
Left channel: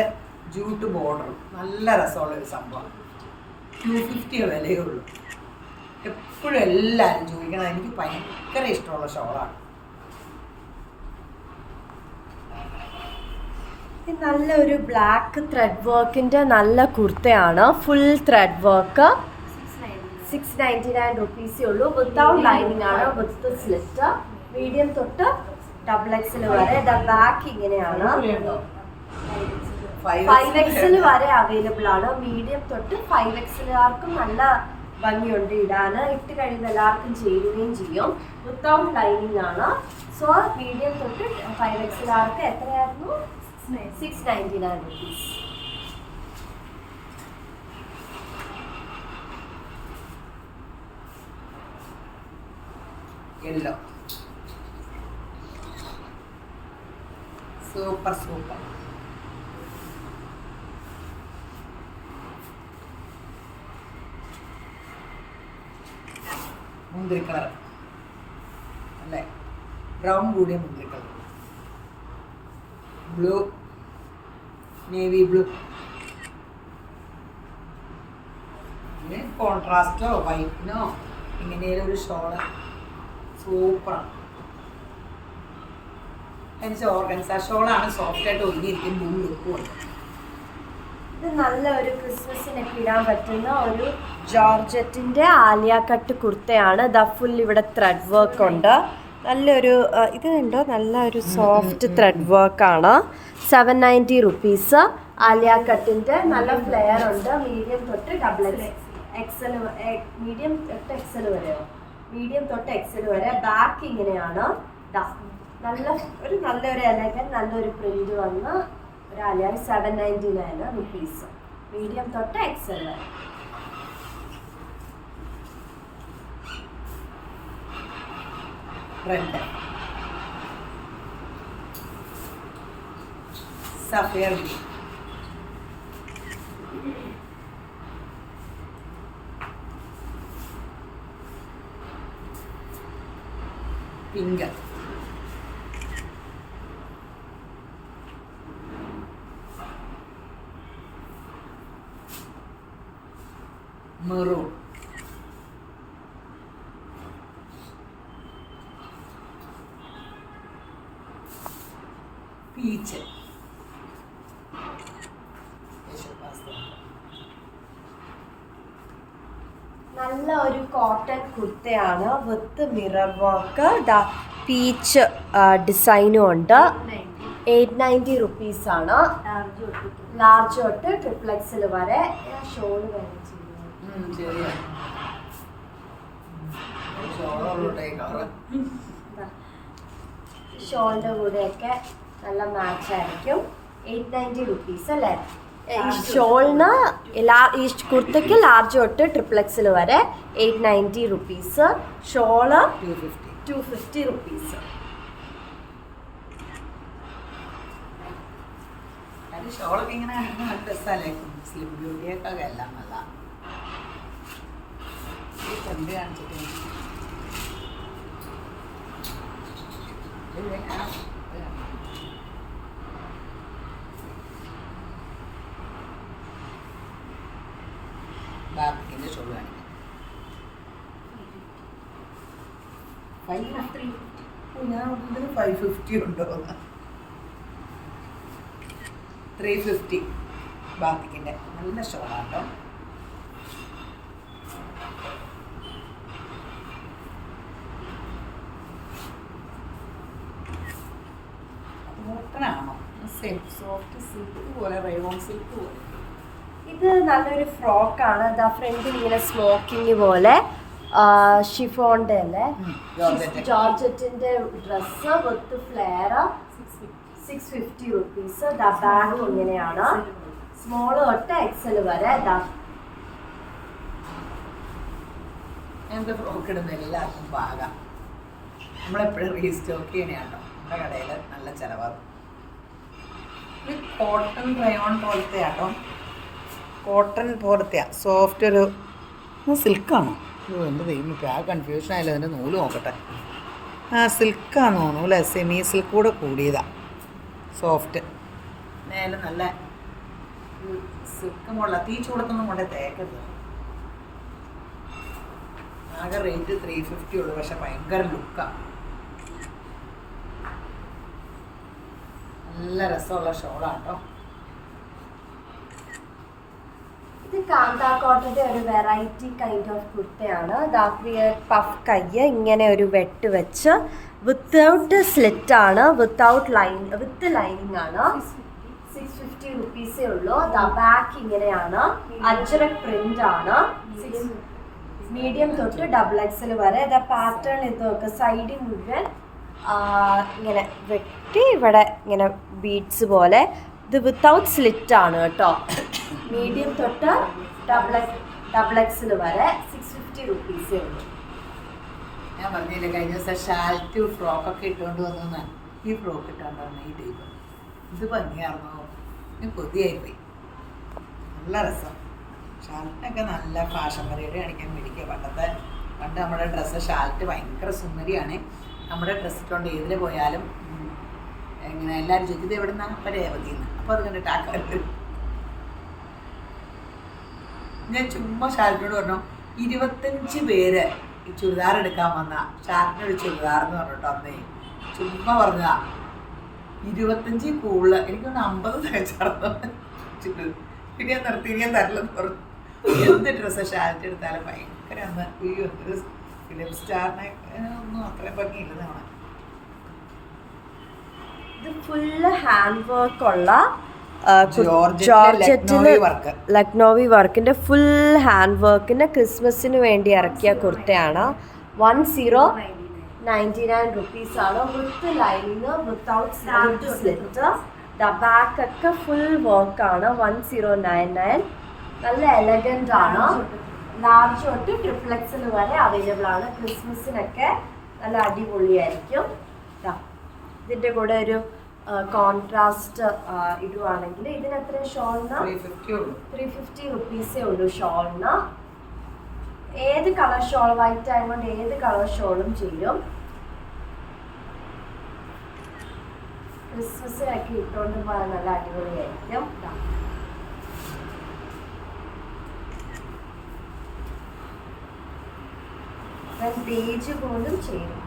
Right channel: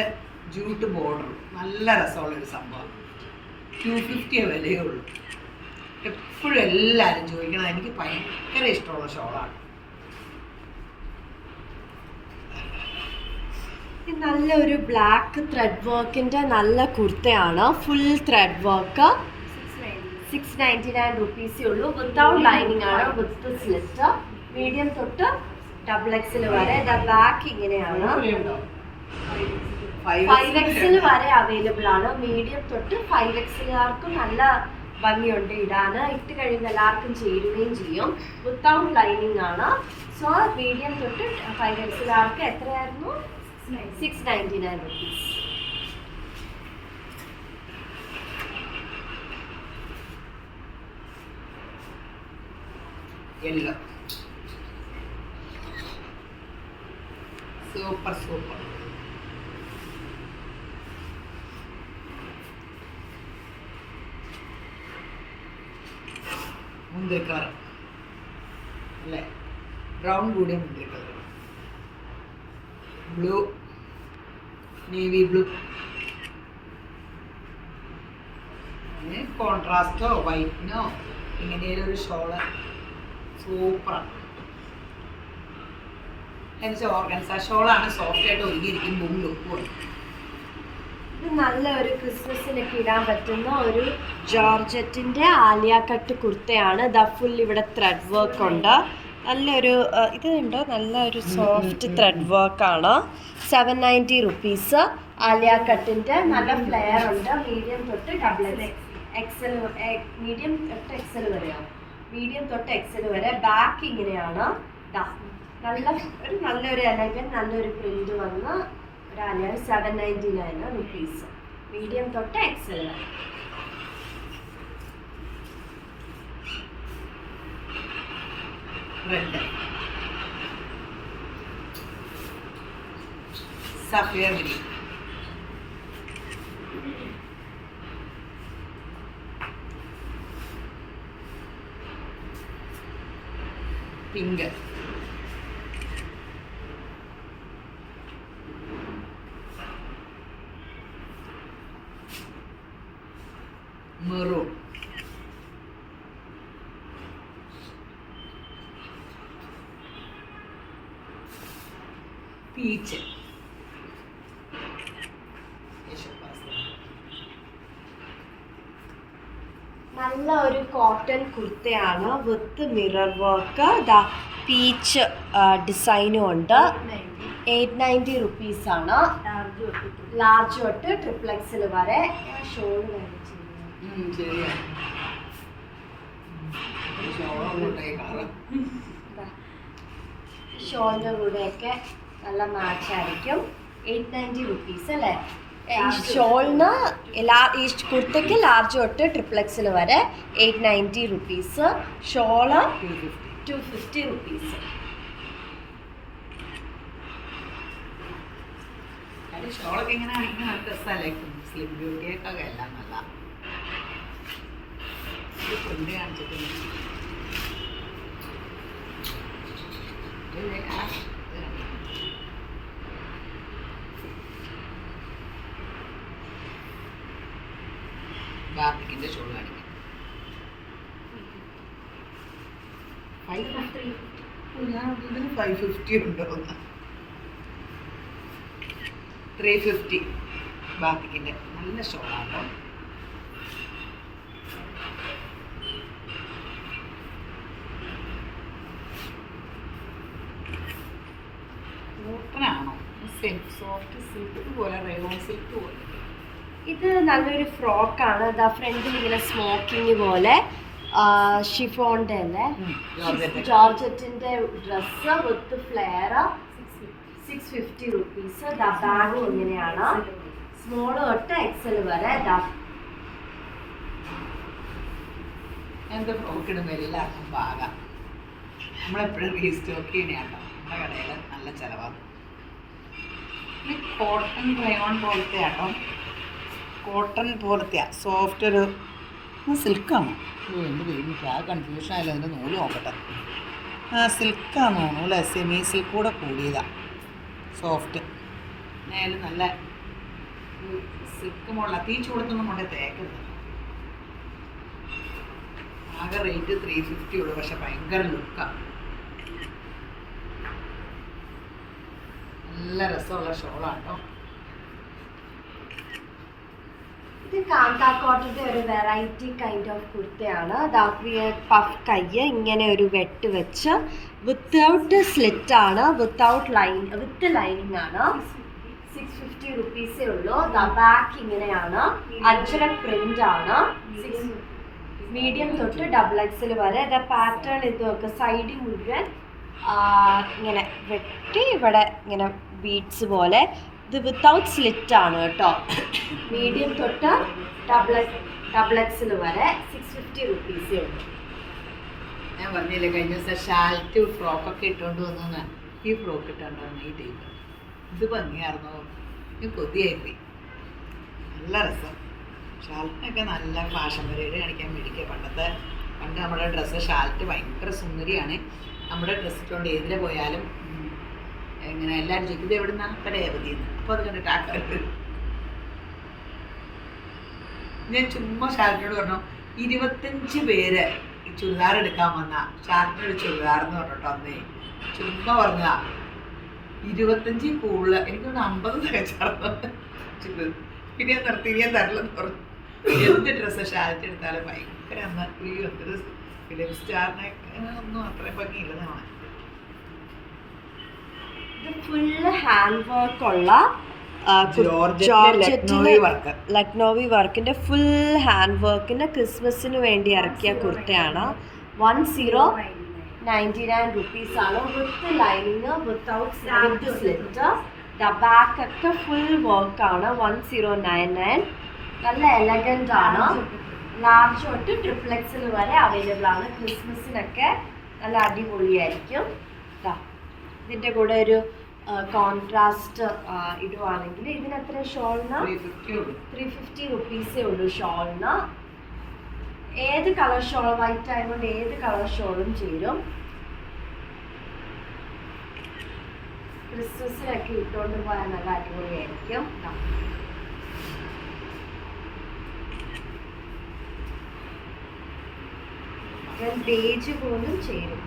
ജൂട്ട് ബോർഡർ, നല്ല രസമുള്ളൊരു സംഭവം. 250 വിലയുള്ളൂ. എപ്പോഴും എല്ലാവരും ചോദിക്കണം. എനിക്ക് ഭയങ്കര ഇഷ്ടമുള്ള ഷോളാണ്. നല്ലൊരു ബ്ലാക്ക് ത്രെഡ് വർക്കിൻ്റെ നല്ല കുർത്തയാണ്. Full thread work. 699 റുപ്പീസേ ഉള്ളൂ. വിത്തൗട്ട് ലൈനിങ് ആണ്, വിത്ത് സ്ലിറ്റ്. മീഡിയം തൊട്ട് XXL വരെ. ബാക്ക് ഇങ്ങനെയാണ്. 5XL വരെ അവൈലബിൾ ആണ്. മീഡിയം തൊട്ട് 5XLകാർക്കും നല്ല ഭംഗിയുണ്ട് ഇടാൻ. ഇട്ട് കഴിയുമ്പോൾ എല്ലാവർക്കും ചേരുകയും ചെയ്യും. വിത്തൗട്ട് ലൈനിങ് ആണ്. സോ മീഡിയം തൊട്ട് 5XLകാർക്ക് എത്രയായിരുന്നു? 699 റുപ്പീസ്. Yellow super super. മുന്തിരി കളർ അല്ലേ? ബ്രൗൺ കൂടി മുന്തിരി കളർ, ബ്ലൂ, നേവി ബ്ലൂ, കോൺട്രാസ്റ്റോ വൈറ്റിനോ ഇങ്ങനെയൊരു ഷോള് സൂപ്പറാണ്. എന്നുവെച്ചാൽ ഓർഗൻസ ഷോളാണ്, സോഫ്റ്റായിട്ട് ഒരുങ്ങിയിരിക്കും. ബൂം ലുക്കും. ഇത് നല്ലൊരു ക്രിസ്മസിനൊക്കെ ഇടാൻ പറ്റുന്ന ഒരു ജോർജറ്റിൻ്റെ ആലിയ കട്ട് കുർത്തയാണ്. ദ ഫുൾ ഇവിടെ ത്രെഡ് വർക്ക് ഉണ്ട്. നല്ലൊരു ഇതുണ്ട്, നല്ലൊരു സോഫ്റ്റ് ത്രെഡ് വർക്കാണ്. 790 റുപ്പീസ്. ആലിയ കട്ടിൻ്റെ നല്ല ഫ്ലെയർ ഉണ്ട്. മീഡിയം തൊട്ട് XXL, മീഡിയം തൊട്ട് XL വരെയോ? മീഡിയം തൊട്ട് XL വരെ. ബാക്ക് ഇങ്ങനെയാണ്. നല്ലൊരു എലഗൻ, നല്ലൊരു പ്രിന്റ് വന്ന ഒരു ആലിയ. 799 റുപ്പീസ്. മീഡിയം തൊട്ട് XL വരെ. Red, sapphire green, pink, maroon, peach, cotton കുർത്തയാണ് വിത്ത് മിറർ വർക്ക്. ദാ പീച്ച് ഡിസൈനും ഉണ്ട്. 890 റുപ്പീസാണ്. ലാർജ് തൊട്ട് ട്രിപ്ലെക്സിൽ വരെ. ഷോൾ ഷോളിൻ്റെ കൂടെയൊക്കെ നല്ല മാച്ചായിരിക്കും. 890 റുപ്പീസ് അല്ലേ? ഷോളിന് ഈ കുർത്തയ്ക്ക് ലാർജ് തൊട്ട് ട്രിപ്ലെക്സിൽ വരെ 890 റുപ്പീസ്. Shawl 250 rupees. ഷോളൊക്കെ ഇങ്ങനെ ആണെങ്കിൽ നല്ല രസമല്ലേ? സ്ലിം ബ്യൂട്ടിയൊക്കെ എല്ലാം നല്ല കൊണ്ട് കാണിച്ചിട്ട് ബാബിക്കിൻ്റെ ഷോൾ കാണിക്കാം. 550 ഉണ്ടോ? 350 ബാബിക്കിൻ്റെ നല്ല ഷോളാട്ടോ. കോട്ടനാണോ? സോഫ്റ്റ് സിൽക്ക് പോലെ, റയോൺ സിൽക്ക് പോലെ. ഇത് നല്ലൊരു ഫ്രോക്കാണ്. ദാ ഫ്രണ്ടിൽ ഇങ്ങനെ സ്മോക്കിങ് പോലെ ഷിഫോണിൻ്റെ അല്ലേ, ജോർജറ്റിൻ്റെ ഡ്രസ്സ് വിത്ത് ഫ്ലെയർ. 650 റുപ്പീസ്. ദാ ബാഗ് ഇങ്ങനെയാണ്, സ്മോൾ തൊട്ട് എക്സൽ വരെ. ദാ എന്ത് ഫ്രോക്ക് ഇടുമ്പോൾ എല്ലാവർക്കും പാകാം. നമ്മളെപ്പോഴും റീസ്റ്റോക്ക് ചെയ്യണേട്ടോ. നമ്മുടെ കടയിൽ നല്ല ചിലവാണ്. ഇത് കോട്ടൺ റയോൺ പോലത്തെ ആട്ടോ. കോട്ടൺ പോലത്തെയാ, സോഫ്റ്റ് ഒരു സിൽക്കാണോ? എന്ത് ദൈവം, ഇപ്പോൾ ആ കൺഫ്യൂഷൻ ആയാലും അതിൻ്റെ നൂല് നോക്കട്ടെ. സിൽക്കാന്ന് തോന്നുന്നു അല്ലേ? സെമി സിൽക്ക് കൂടെ കൂടിയതാണ്. സോഫ്റ്റ് നേരം നല്ല സിൽക്ക് മുള്ള തീ ചൂടത്തൊന്നും കൊണ്ടേ തേക്കരുത്. ആകെ റേറ്റ് 350 ഉള്ളൂ, പക്ഷെ ഭയങ്കര ലുക്കാണ്. നല്ല രസമുള്ള ഷോളാട്ടോ. ഇത് കാന്താ കോട്ടയുടെ ഒരു വെറൈറ്റി കൈൻഡ് ഓഫ് കുർത്തയാണ്. പഫ് കയ്യ് ഇങ്ങനെ ഒരു വെട്ട് വെച്ച് വിത്തൗട്ട് സ്ലിറ്റ് ആണ്, വിത്ത് ലൈനിങ് ആണ്. 650 റുപ്പീസേ ഉള്ളൂ. ബാക്ക് ഇങ്ങനെയാണ്, അജ്രക് പ്രിന്റ് ആണ്. മീഡിയം തൊട്ട് XXL വരെ. പാറ്റേൺ ഇതൊക്കെ സൈഡിൽ മുഴുവൻ ഇങ്ങനെ വെട്ടി ഇവിടെ ഇങ്ങനെ ബീഡ്സ് പോലെ. ഇത് വിത്തൗട്ട് സ്ലിറ്റ് ആണ് കേട്ടോ. മീഡിയം തൊട്ട് XXL വരെ 650 റുപ്പീസേ ഉള്ളൂ. ഞാൻ പറഞ്ഞില്ലേ കഴിഞ്ഞ ദിവസം ഷാൽറ്റ് ഫ്രോക്കൊക്കെ ഇട്ടുകൊണ്ട് വന്നു. ഈ ഫ്രോക്ക് ഇട്ടുകൊണ്ട് വന്നു ഈ ടൈപ്പ്. ഇത് ഭംഗിയായിരുന്നു. ഇത് കൊതിയായിപ്പോയി. നല്ല രസം. ഷാൽറ്റിനൊക്കെ നല്ല ഫാഷൻ പരേഡ് കാണിക്കാൻ മേടിക്കുക. പണ്ട് നമ്മുടെ ഡ്രസ്സ് ഷാൽറ്റ് ഭയങ്കര സുന്ദരിയാണ്. നമ്മുടെ ഡ്രസ്സ് ഇട്ടുകൊണ്ട് ഏതിൽ പോയാലും ഇങ്ങനെ എല്ലാവരും ചോദിക്കും ഇത് എവിടെ നിന്നാണ്? അപ്പം രേവതിന്ന്. അപ്പോൾ അത് കണ്ടിട്ട് ആൾക്കാർ വരും. ഞാൻ ചുമ്മാ ഷാൽറ്റിനോട് പറഞ്ഞു 25 പേര് ഈ ചുരിദാർ എടുക്കാൻ വന്ന ഷാൽറ്റിനൊരു ചുരിദാർ എന്ന് പറഞ്ഞിട്ടോ അന്നേ ചുമ്മാ പറഞ്ഞതാ. 25 കൂടുതൽ എനിക്ക് 50 തികച്ചായിരുന്നു. പിന്നെ നിർത്തി ഞാൻ തരില്ലെന്ന് പറഞ്ഞു. എന്ത് ഡ്രസ്സ് ഷാൽറ്റ് എടുത്താലും ഭയങ്കര അന്ന് ഒരു ഫിലിം സ്റ്റാറിനെ ഒന്നും അത്രയും ഭംഗിയില്ലെന്നാണ്. ഇത് ഫുള്ള് ഹാൻഡ് വർക്ക് ഉള്ള ജോർജറ്റിലെ ലക്നോവി വർക്കിന്റെ ഫുൾ ഹാൻഡ് വർക്കിന്റെ ക്രിസ്മസിന് വേണ്ടി ഇറക്കിയ കുർത്തയാണ്. 1099 റുപ്പീസ് ആണ്. With lining, without slit. Back ഒക്കെ ഫുൾ വർക്കാണ്. 1099. നല്ല എലഗന്റ് ആണ്. ലാർജ് തൊട്ട് XXL വരെ അവൈലബിൾ ആണ്. ക്രിസ്മസിനൊക്കെ നല്ല അടിപൊളിയായിരിക്കും. ഇതിൻ്റെ കൂടെ ഒരു കോൺട്രാസ്റ്റ് ഇടുവാണെങ്കിൽ ഇതിന് എത്ര ഷോളിന്? 350 റുപ്പീസേ ഉള്ളൂ ഷോളിന്. ഏത് കളർ ഷോൾ, വൈറ്റ് ആയതുകൊണ്ട് ഏത് കളർ ഷോളും ചേരും. ക്രിസ്മസിനൊക്കെ ഇട്ടുകൊണ്ട് പോയാൽ നല്ല അടിപൊളിയായിരിക്കും. ബേജ് പോലും ചേരും.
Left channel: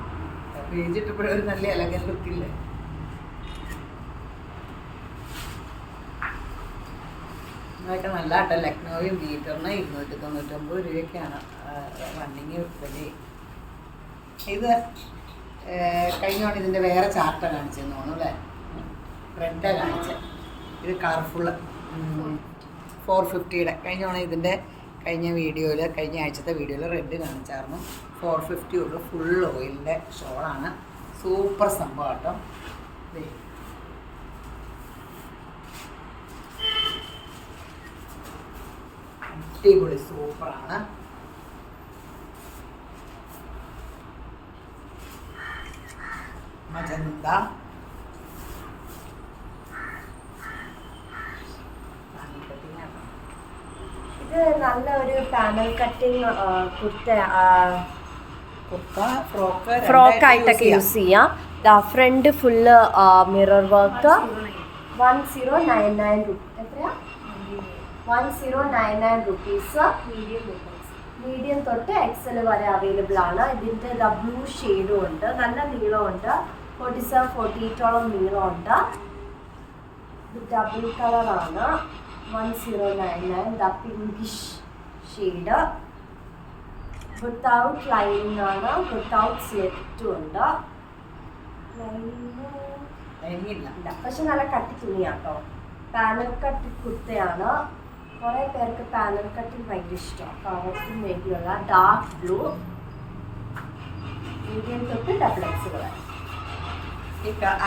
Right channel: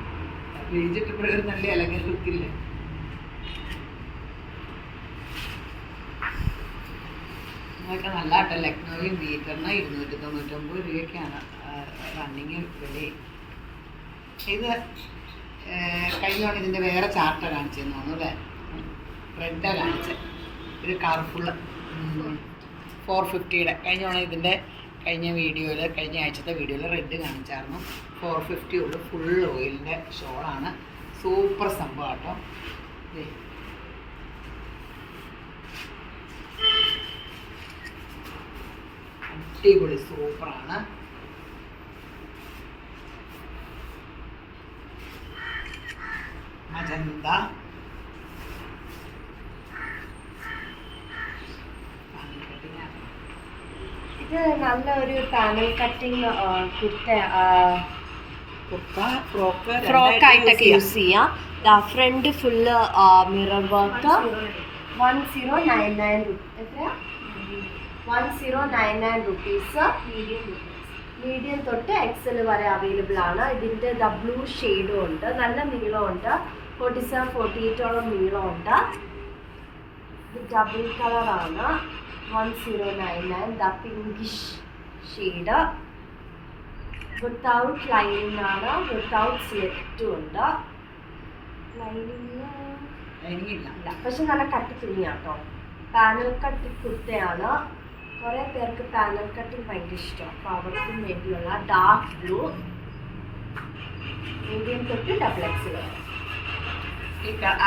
ബേജ് ഇട്ടപ്പോഴൊരു നല്ല എലഗൻ ലുക്കില്ലേ? അതൊക്കെ നല്ല ആട്ടോ. ലക്നോയും ബീറ്ററിന് 299 രൂപയ്ക്കാണ് റണ്ണിങ് റെഡി. ഇത് കഴിഞ്ഞോണ്ട് ഇതിൻ്റെ വേറെ ചാർട്ടാണ് കാണിച്ചതെന്ന് തോന്നുന്നു അല്ലേ? റെഡാണ് കാണിച്ചത്. ഇത് കളർഫുള്ള് 450 കഴിഞ്ഞോണ്ട് ഇതിൻ്റെ കഴിഞ്ഞ ആഴ്ചത്തെ വീഡിയോയിൽ റെഡ് കാണിച്ചായിരുന്നു. 450 ഉള്ളു. ഫുൾ ഓയിലിൻ്റെ ഷോളാണ്. സൂപ്പർ സംഭവം കേട്ടോ. അടിപൊളി സൂപ്പറാണ്. മജന്ത ഇത് നല്ല ഒരു പാനൽ കട്ടിങ് ഫ്രോക്ക് ആയിട്ടൊക്കെ യൂസ് ചെയ്യാം. ഫ്രണ്ട് ഫുള്ള് മിറർ വർക്ക് 1099 എത്രയാ? 1099 റുപ്പീസ്. മീഡിയം തൊട്ട് എക്സൽ വരെ അവൈലബിൾ ആണ്. ഇതിൻ്റെ ബ്ലൂ ഷെയ്ഡും ഉണ്ട്. നല്ല നീളമുണ്ട്. 47-48 നീളമുണ്ട്. ഇത് ഡബിൾ കളറാണ്. 1099. Pinkish shade. വിത്തൗട്ട് ലൈനിങ് ആണ്. വിത്തൗട്ട് സ്ലിറ്റും ഉണ്ട്. ലൈനിങ് ഇല്ല, പക്ഷെ നല്ല കട്ടി തുണിയാട്ടോ. പാനൽ കട്ടി കുർത്തയാണ്. കുറേ പേർക്ക് പാനൽ കട്ടിങ് ഭയങ്കര ഇഷ്ടമാണ്. അപ്പോൾ അവർക്കും വേണ്ടിയുള്ള ഡാർക്ക് ബ്ലൂ. മീഡിയം തൊട്ട് ഡബിൾ എക്സ് വരെ.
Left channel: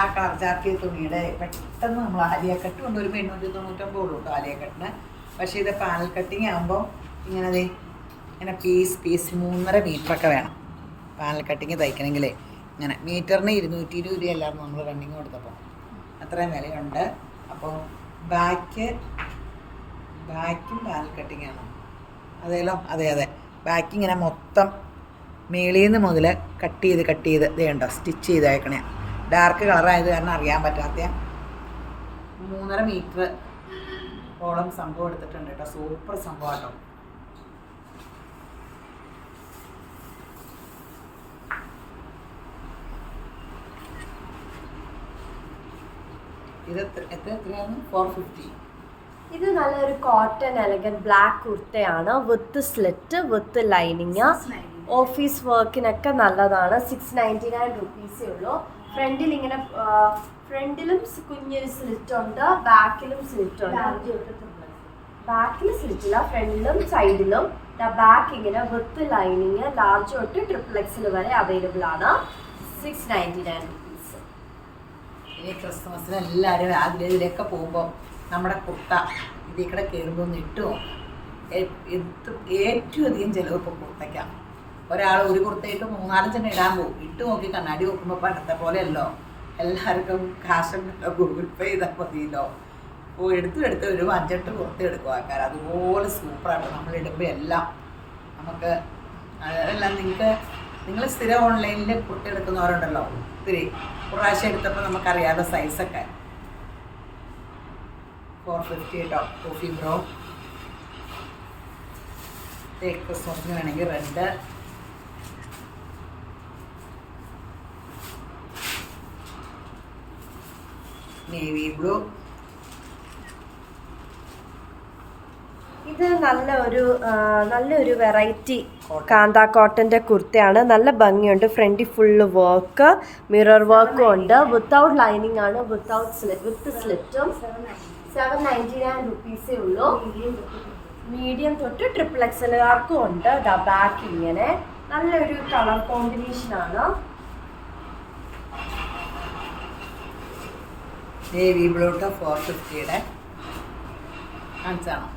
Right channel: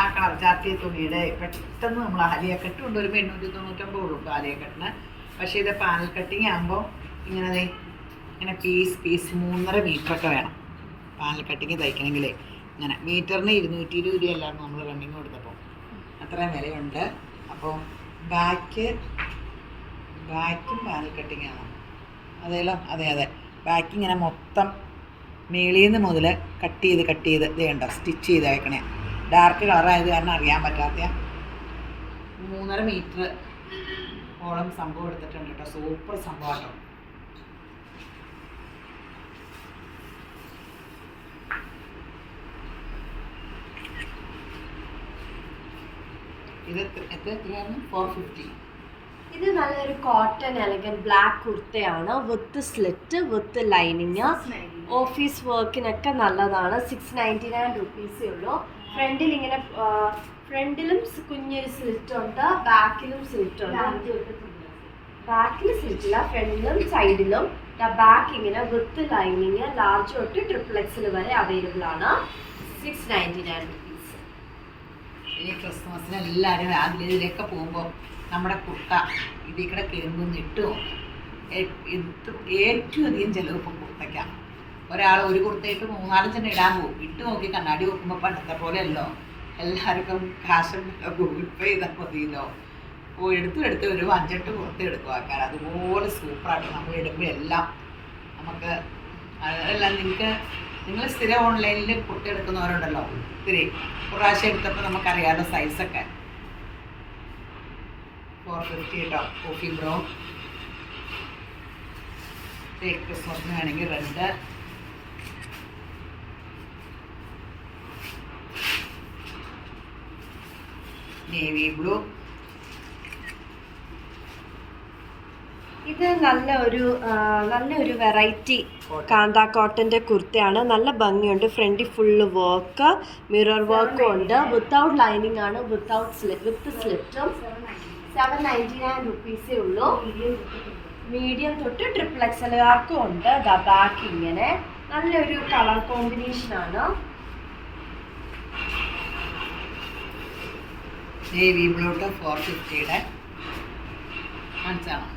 ആ കളർ ചാർട്ടിയ തുണിയുടെ പെട്ടെന്ന് നമ്മൾ ആലിയ കട്ട് കൊണ്ടുവരുമ്പോൾ 899 ഉള്ളൂ കേട്ടോ ആലിയ കട്ടിന്. പക്ഷേ ഇത് പാനൽ കട്ടിങ് ആകുമ്പോൾ ഇങ്ങനെ പീസ് 3.5 മീറ്ററൊക്കെ വേണം പാനൽ കട്ടിങ് തയ്ക്കണമെങ്കിലേ. ഇങ്ങനെ മീറ്ററിന് 220 രൂപയല്ലായിരുന്നു നമ്മൾ റണ്ണിങ് കൊടുത്തപ്പോൾ. അത്രയും വിലയുണ്ട്. അപ്പോൾ ബാക്കും പാനൽ കട്ടിങ്ങാണ്. അതേലോ? അതെ. ബാക്ക് ഇങ്ങനെ മൊത്തം മേളിൽ നിന്ന് മുതൽ കട്ട് ചെയ്ത് ഇത് കണ്ടോ സ്റ്റിച്ച് ചെയ്തേക്കണേ. ഡാർക്ക് കളറായത് കാരണം അറിയാൻ പറ്റാത്ത 3.5 മീറ്റർ ഓളം സംഭവം എടുത്തിട്ടുണ്ട് കേട്ടോ. സൂപ്പർ സംഭവം കേട്ടോ. ഇത് എത്രയാണ്? 450. ഇത് നല്ലൊരു കോട്ടൺ എലഗൻറ്റ് ബ്ലാക്ക് കുർത്തയാണ്. With slit with lining. Office വർക്കിനൊക്കെ നല്ലതാണ്. 699 റുപ്പീസേ ഉള്ളൂ. ഫ്രണ്ടിൽ ഇങ്ങനെ ഫ്രണ്ടിലും കുഞ്ഞൊരു സ്ലിറ്റ് ഉണ്ട്. ബാക്കിലും സ്ലിറ്റ് ഉണ്ട്. ബാക്കിൽ സ്ലിറ്റില്ല, ഫ്രണ്ടിലും സൈഡിലും. ബാക്ക് ഇങ്ങനെ വിത്ത് ലൈനിങ് ലാർജ് തൊട്ട് ട്രിപ്പിൾ വരെ അവൈലബിൾ ആണ്. 699 റുപ്പീസ്. ഇനി ക്രിസ്മസിന് എല്ലാവരും ഇതിലേക്ക് പോകുമ്പോൾ നമ്മുടെ കുർത്ത ഇതിൽ കൂടെ കയറുമ്പോൾ ഇട്ടുമോ? ഏറ്റവും അധികം ചിലവ് ഇപ്പോൾ കുർത്തയ്ക്കാം. ഒരാൾ ഒരു കുർത്തയിട്ട് 3-4 ഇടാൻ പോകും. ഇട്ട് നോക്കി കണ്ണാടി നോക്കുമ്പോൾ പണ്ടത്തെ പോലെയല്ലോ. എല്ലാവർക്കും കാശ് ഗൂഗിൾ പേ ചെയ്താൽ മതിയല്ലോ. അപ്പോൾ എടുത്ത് ഒരു 5-8 കുർത്ത എടുക്കും ആൾക്കാർ. അതുപോലെ സൂപ്പറായിട്ട് നമ്മൾ ഇടുമ്പോൾ എല്ലാം നമുക്ക് അതെല്ലാം നിങ്ങൾ സ്ഥിരം ഓൺലൈനിൽ കുർത്ത എടുക്കുന്നവരുണ്ടല്ലോ. ഒത്തിരി പ്രാവശ്യം എടുത്തപ്പോൾ നമുക്കറിയാമല്ലോ സൈസൊക്കെ. 450 കേട്ടോ. Coffee bro. ക്രിസ്മസിന് വേണമെങ്കിൽ റെഡ്. Navy blue. ഇത് നല്ലൊരു വെറൈറ്റി കാന്ത കോട്ടൻ്റെ കുർത്തയാണ്. നല്ല ഭംഗിയുണ്ട്. ഫ്രണ്ടിൽ ഫുള്ള് വർക്ക്, മിറർ വർക്കും ഉണ്ട്. വിത്തൗട്ട് ലൈനിങ് ആണ്. വിത്ത് സ്ലിറ്റും. 799 റുപ്പീസേ ഉള്ളൂ. മീഡിയം തൊട്ട് ട്രിപ്പിൾ എക്സലുകാർക്കും ഉണ്ട്. ബാക്ക് ഇങ്ങനെ നല്ലൊരു കളർ കോമ്പിനേഷനാണ്. നേവി ബ്ലൂ 450 കാണിച്ചാണോ?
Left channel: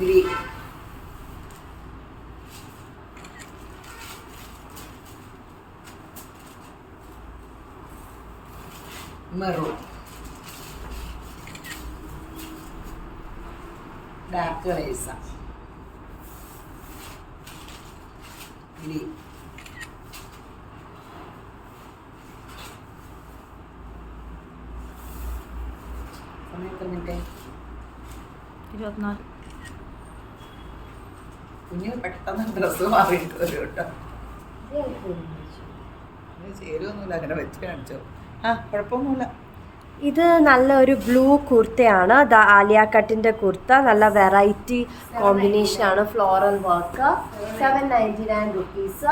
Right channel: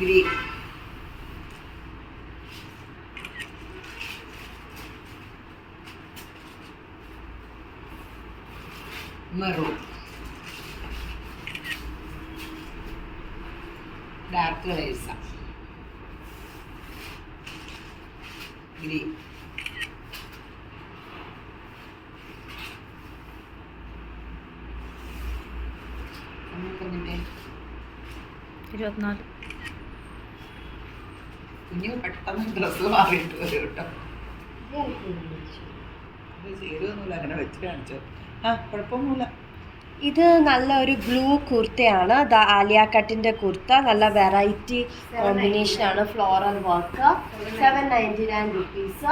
ഗ്രീൻ. മെറൂൺ. ഡാർക്ക് കളേഴ്സാ. ഗ്രീൻ. പറഞ്ഞിട്ടേ 24. കുഞ്ഞു പെട്ടെന്ന് ഡ്രസ്സ് മാറിയിട്ട് വരും കേട്ടോ. ചേരുവൊന്നുമില്ല, അങ്ങനെ വെച്ച് കാണിച്ചോ. കുഴപ്പമൊന്നുമില്ല. ഇത് നല്ലൊരു ബ്ലൂ കുർത്തയാണ്. ആലിയ കട്ടിന്റെ കുർത്ത, നല്ല വെറൈറ്റി കോമ്പിനേഷൻ ആണ്. Floral work. 799 റുപ്പീസ്.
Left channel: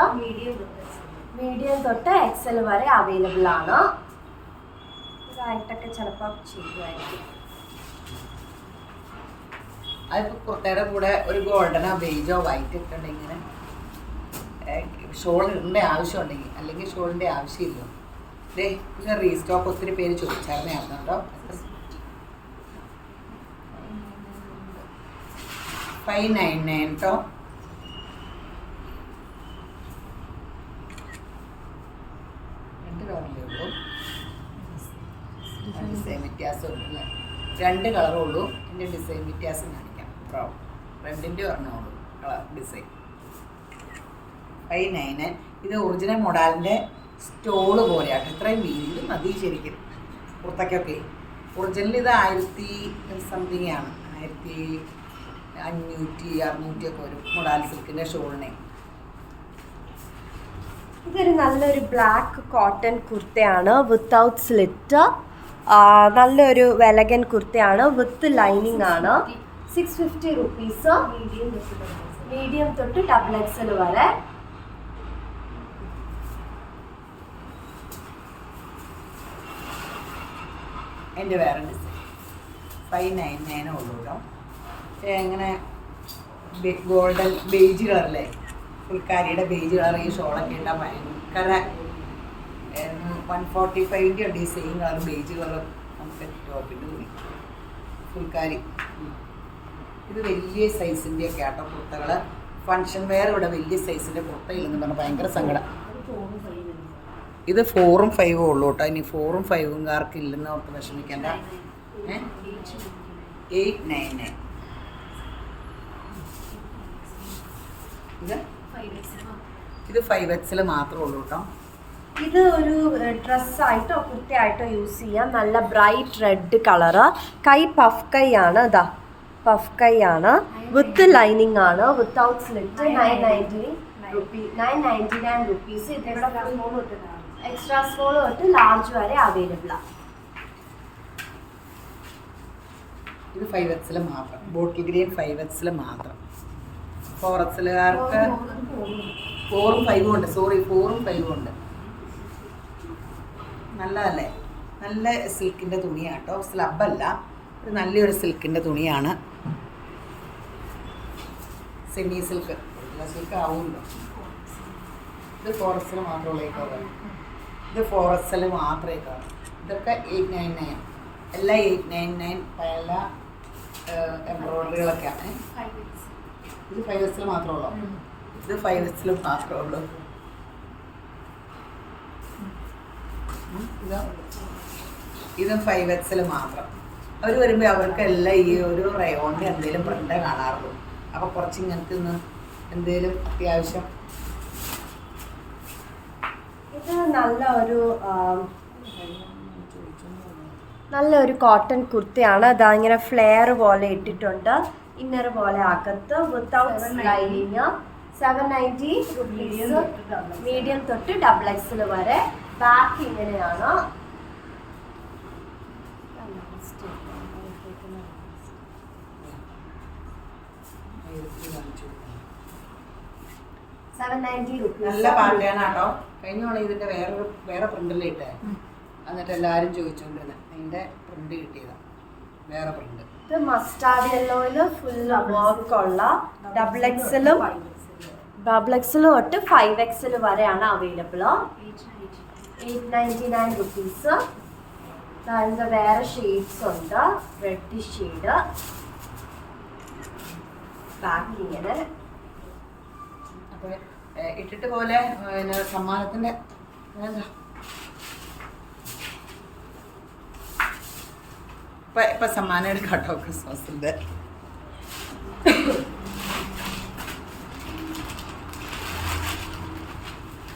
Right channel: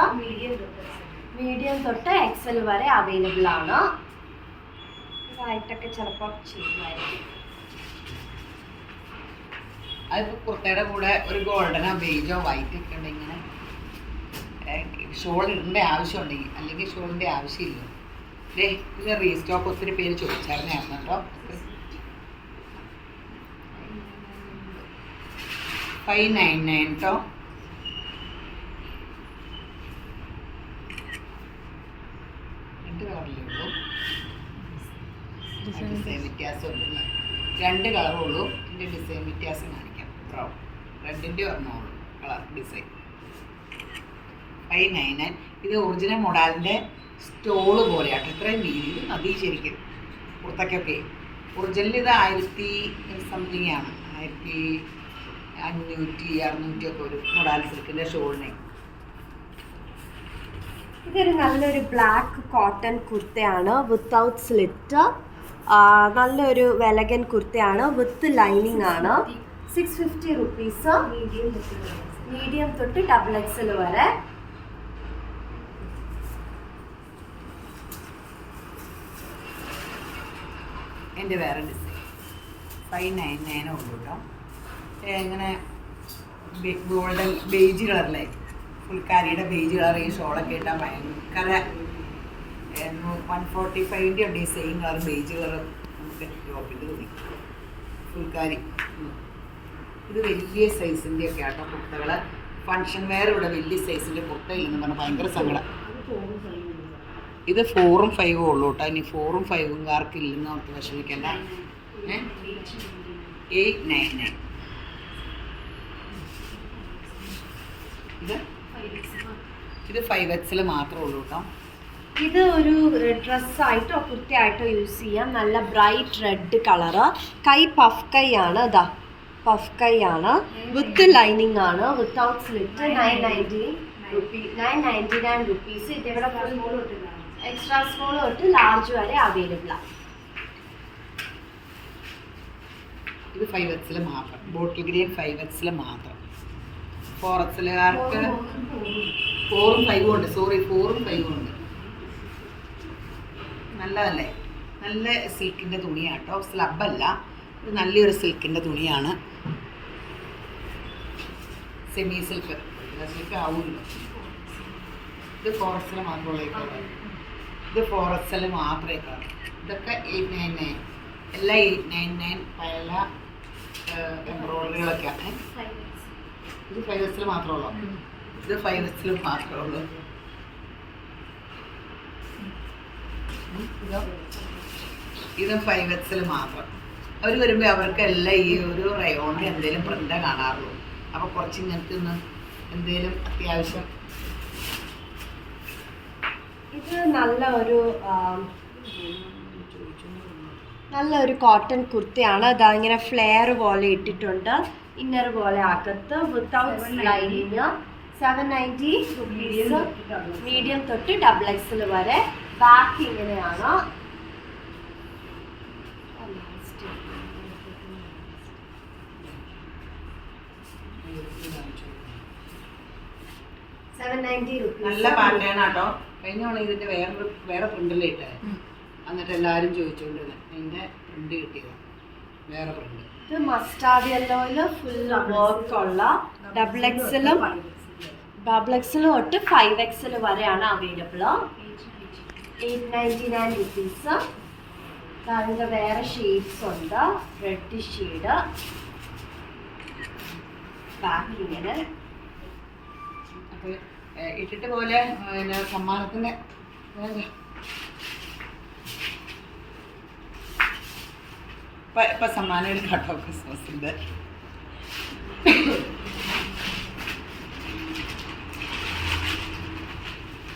മീഡിയം തൊട്ട് എക്സൽ വരെ അവൈലബിൾ ആണ്. ഇതായിട്ടൊക്കെ ചിലപ്പോൾ ചെയ്യുമായിരിക്കും. അതിപ്പോൾ കുർത്തയുടെ കൂടെ ഒരു ഗോൾഡനോ ബേജോ വൈറ്റ് ഒക്കെ ഉണ്ടെങ്കിൽ ഇങ്ങനെ ഷോൾ ഇടേണ്ട ആവശ്യമുണ്ടെങ്കിൽ, അല്ലെങ്കിൽ ഷോളിൻ്റെ ആവശ്യമില്ല. ഡേ ഇത് റീസ്റ്റോക്ക് ഒത്തിരി പേര് ചോദിച്ചായിരുന്നു കേട്ടോ. 599 കേട്ടോ. രണ്ട് കളറല്ലേ ഉള്ളൂ, ഡിസൈൻ വ്യത്യാസമുള്ളൂ. 2 കളറേ ഉള്ളൂ. എൻ്റെ ഡിസൈൻ വ്യത്യാസം കാണിക്കാം. ബ്രൗൺ റെഡിൻ്റെ പറഞ്ഞോളൂ കളർ ഡിസൈൻ. 599. ഇത് ഒറിജിനൽ മൊഡാലിൻ്റെ സ്റ്റോള് പോലെയാട്ടോ. ഇത്രയും വീതി ഇത് മതി ശരിക്കും കുർത്തക്കൊക്കെ. ഒറിജിനൽ ഇത് 1000 സംതിങ് ആണ്. 1500 600 ഒക്കെ ഒരു മൊഡാൽ സിൽക്കിൻ്റെ ഷോളിനെ. ഇതൊരു നല്ലൊരു ബ്ലാക്ക് കോട്ടൺ കുർത്തയാണ് വിത്തൗട്ട് സ്ലിറ്റ്. നല്ലൊരു വെലഗൻ കുർത്തയാണ്. വിത്ത് ലൈനിങ് ആണ്. 650 റുപ്പീസ്. മീഡിയം തൊട്ട് XXL വരെ. എൻ്റെ വേറെ ഡിസൈൻ 599 ഉള്ളൂ കേട്ടോ. എങ്ങനെ ഗോൾഡൻ ബേജ് കളറല്ലേ, ഫുൾക്കാരിയുടെ ബേജ് കളർ. ഈ ഷോളൊക്കെ ഇട്ടാൽ ഭയങ്കര 145 ഉണ്ട്. ഈ സെയിം കളർ ബേജ് കളർ നമുക്ക് ടോപ്പിൽ തോന്നി. ഫുൾക്കാരി ഇത് വലിയ സൈസിൻ്റെ ഒക്കെ ആട്ടോ കുർത്തകൾ. ഫങ്ഷൻ വെയർ ഇവിടെ വലിയ സൈസിൻ്റെ കുർത്തയില്ലെന്ന് പറഞ്ഞാൽ ഭയങ്കര സങ്കടം. ഇത് 4ഉം 5ഉം ഉള്ളൂ കേട്ടോ. ഇനി 4ഉം 5ഉം കാർക്കില്ലെന്ന് ഓർത്ത് വിഷമിക്കണ്ട. 899. ഇത് 5XL മാത്രമേ ഉള്ളൂ കേട്ടോ. ഇത് ഒരു ഡ്രസ്സായിട്ടോ കുർത്തയായിട്ടോ യൂസ് ചെയ്യാം. നല്ല ബ്രൈറ്റ് റെഡ് കളറ്. കൈ പഫ് കൈ ആണ്. ഇതാ പഫ് കൈ ആണ്. വിത്ത് ലൈനിങ് ആണ്. Without slit. 999 റുപ്പീസ്. ഇതിവിടെ എക്സ്ട്രാ സ്മോൾ തൊട്ട് ലാർജ് വരെ അവൈലബിൾ ആണ്. ഇത് 5XL മാത്രം. ബോട്ടിൽ ഗ്രീൻ 5XL മാത്രം. 4XLകാർക്ക് 4ഉം 5ഉം ഉണ്ട്. സോറി 4ഉം 5ഉം ഉണ്ട്. നല്ലതല്ലേ? നല്ല സിൽക്കിൻ്റെ തുണിയാട്ടോ. സ്ലബല്ല, ഇത് നല്ലൊരു സിൽക്കിൻ്റെ തുണിയാണ്. Semi silk. സിൽക്ക് ആവുമല്ലോ. ഇത് 4XL മാത്രമുള്ള ഇത് 4XL മാത്രമേ കാണും. ഇതൊക്കെ 899. എല്ലാം 899. പല എംബ്രോയിഡറികളൊക്കെയാണ്. ഇത് 5XL മാത്രമേ ഉള്ളൂ. ഇത് 5XL മാത്രമേ ഉള്ളൂ. ഇതും 5XL മാത്രം. അവർ വരുമ്പോൾ അവർക്ക് എല്ലാം ഈ ഒരു റയോണിൻ്റെ എന്തെങ്കിലും പ്രിൻ്റ് കാണാറുള്ളൂ. അപ്പോൾ കുറച്ച് ഇങ്ങനത്തെ ഒന്ന് എന്തെങ്കിലും അത്യാവശ്യം. ഇത് നല്ലൊരു കോട്ടൺ കുർത്തയാണ്. അതാ ഇങ്ങനെ ഫ്ലെയർ പോലെ ഇട്ടിട്ടുണ്ട്. ഇന്നർ പോലെ അകത്ത് വിത്തൗട്ട് ലൈനിങ്. 790 റുപ്പീസ്. മീഡിയം തൊട്ട് XXL വരെ. ബാക്ക് ഇങ്ങനെയാണ്. നല്ല പാറ്റേൺ ആട്ടോ. കഴിഞ്ഞ തവണ ഇതിൻ്റെ വേറെ പ്രിൻ്റല്ലേ ഇട്ടേ. എന്നിട്ട് എല്ലാവരും ചോദിച്ചുകൊണ്ടിരുന്നത് അതിൻ്റെ പ്രിൻ്റ് കിട്ടിയതാണ്. വേറെ പ്രിൻ്റ്. ഇത് മസ്റ്റാർഡ് യെല്ലോയില് ഫുൾ വർക്ക് ഉള്ള XXL തൊട്ട് 5XL വരെയാണ് അവൈലബിൾ. 899 റുപ്പീസ്. അതിൻ്റെ വേറെ ഷെയ്ഡ്സ് ഉണ്ട്. Red shade. ബാക്ക് ഇങ്ങനെ. അപ്പോൾ ഇട്ടിട്ട് പോലെ പിന്നെ സമ്മാനത്തിൻ്റെ എന്താ ഇപ്പം സമ്മാനം എടുക്കാട്ടോ ക്രിസ്മസിൻ്റെ.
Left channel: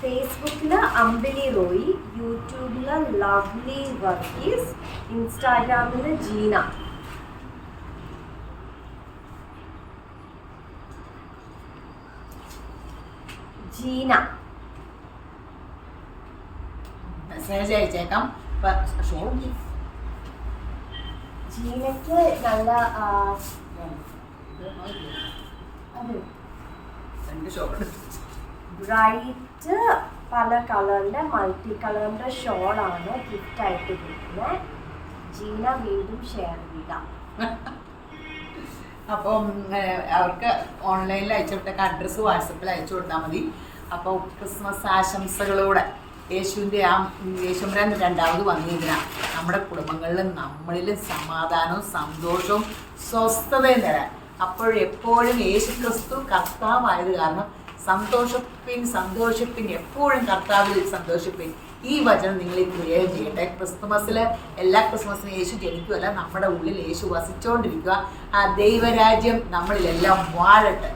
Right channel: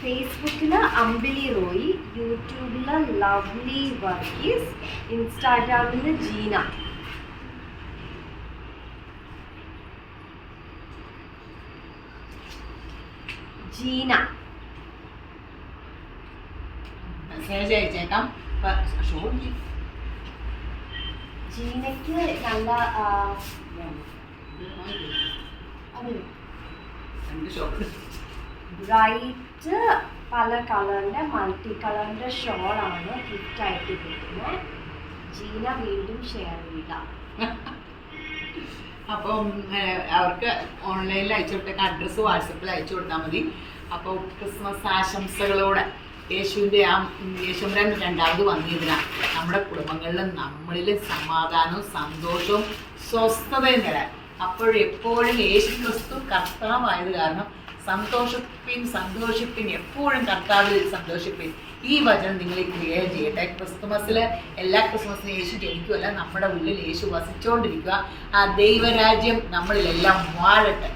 ഫേസ്ബുക്കിൽ അമ്പിളി റോയി, യൂട്യൂബിൽ ലവ്ലി വർഗീസ്, ഇൻസ്റ്റാഗ്രാമിൽ ജീന. മെസ്സേജ് അയച്ചേക്കാം. ഷോ ജീനയ്ക്ക് നല്ല അത് ബ്രൈറ്റ് പല കളറിന്റെ മൾട്ടി കളറിന്റെ ഷോളാണ് ഗിഫ്റ്റ് ആയിട്ട് കിട്ടുന്നത്. ജീന വീണ്ടും ഷെയർ ചെയ്യാം. അപ്പം അവർക്ക് ഓൺലൈനിൽ അയച്ചു കൊടുത്തേക്ക് അഡ്രസ്സ് വാട്സപ്പിൽ അയച്ചു കൊടുത്താൽ മതി. അപ്പോൾ ക്രിസ്മസ് ആശംസകളോടെ യേശുമ്പുരാൻ രണ്ടാമത് വന്നിരുന്നാൽ നമ്മുടെ കുടുംബങ്ങളിലും നമ്മളിലും സമാധാനവും സന്തോഷവും സ്വസ്ഥതയും തരാൻ. അപ്പോഴെപ്പോഴും യേശു ക്രിസ്തു കർത്താവായത് കാരണം സന്തോഷിപ്പിൻ, എപ്പോഴും കർത്താവിൽ സന്തോഷിപ്പിൻ. ഈ വചനം നിങ്ങൾ ക്രിയേറ്റ് ചെയ്യട്ടെ. ക്രിസ്തുമസിൽ എല്ലാ ക്രിസ്മസിനും യേശു ജനിക്കുമല്ല, നമ്മുടെ ഉള്ളിൽ യേശു വസിച്ചുകൊണ്ടിരിക്കുക. ആ ദൈവരാജ്യം നമ്മളിലെല്ലാം വാഴട്ടെ.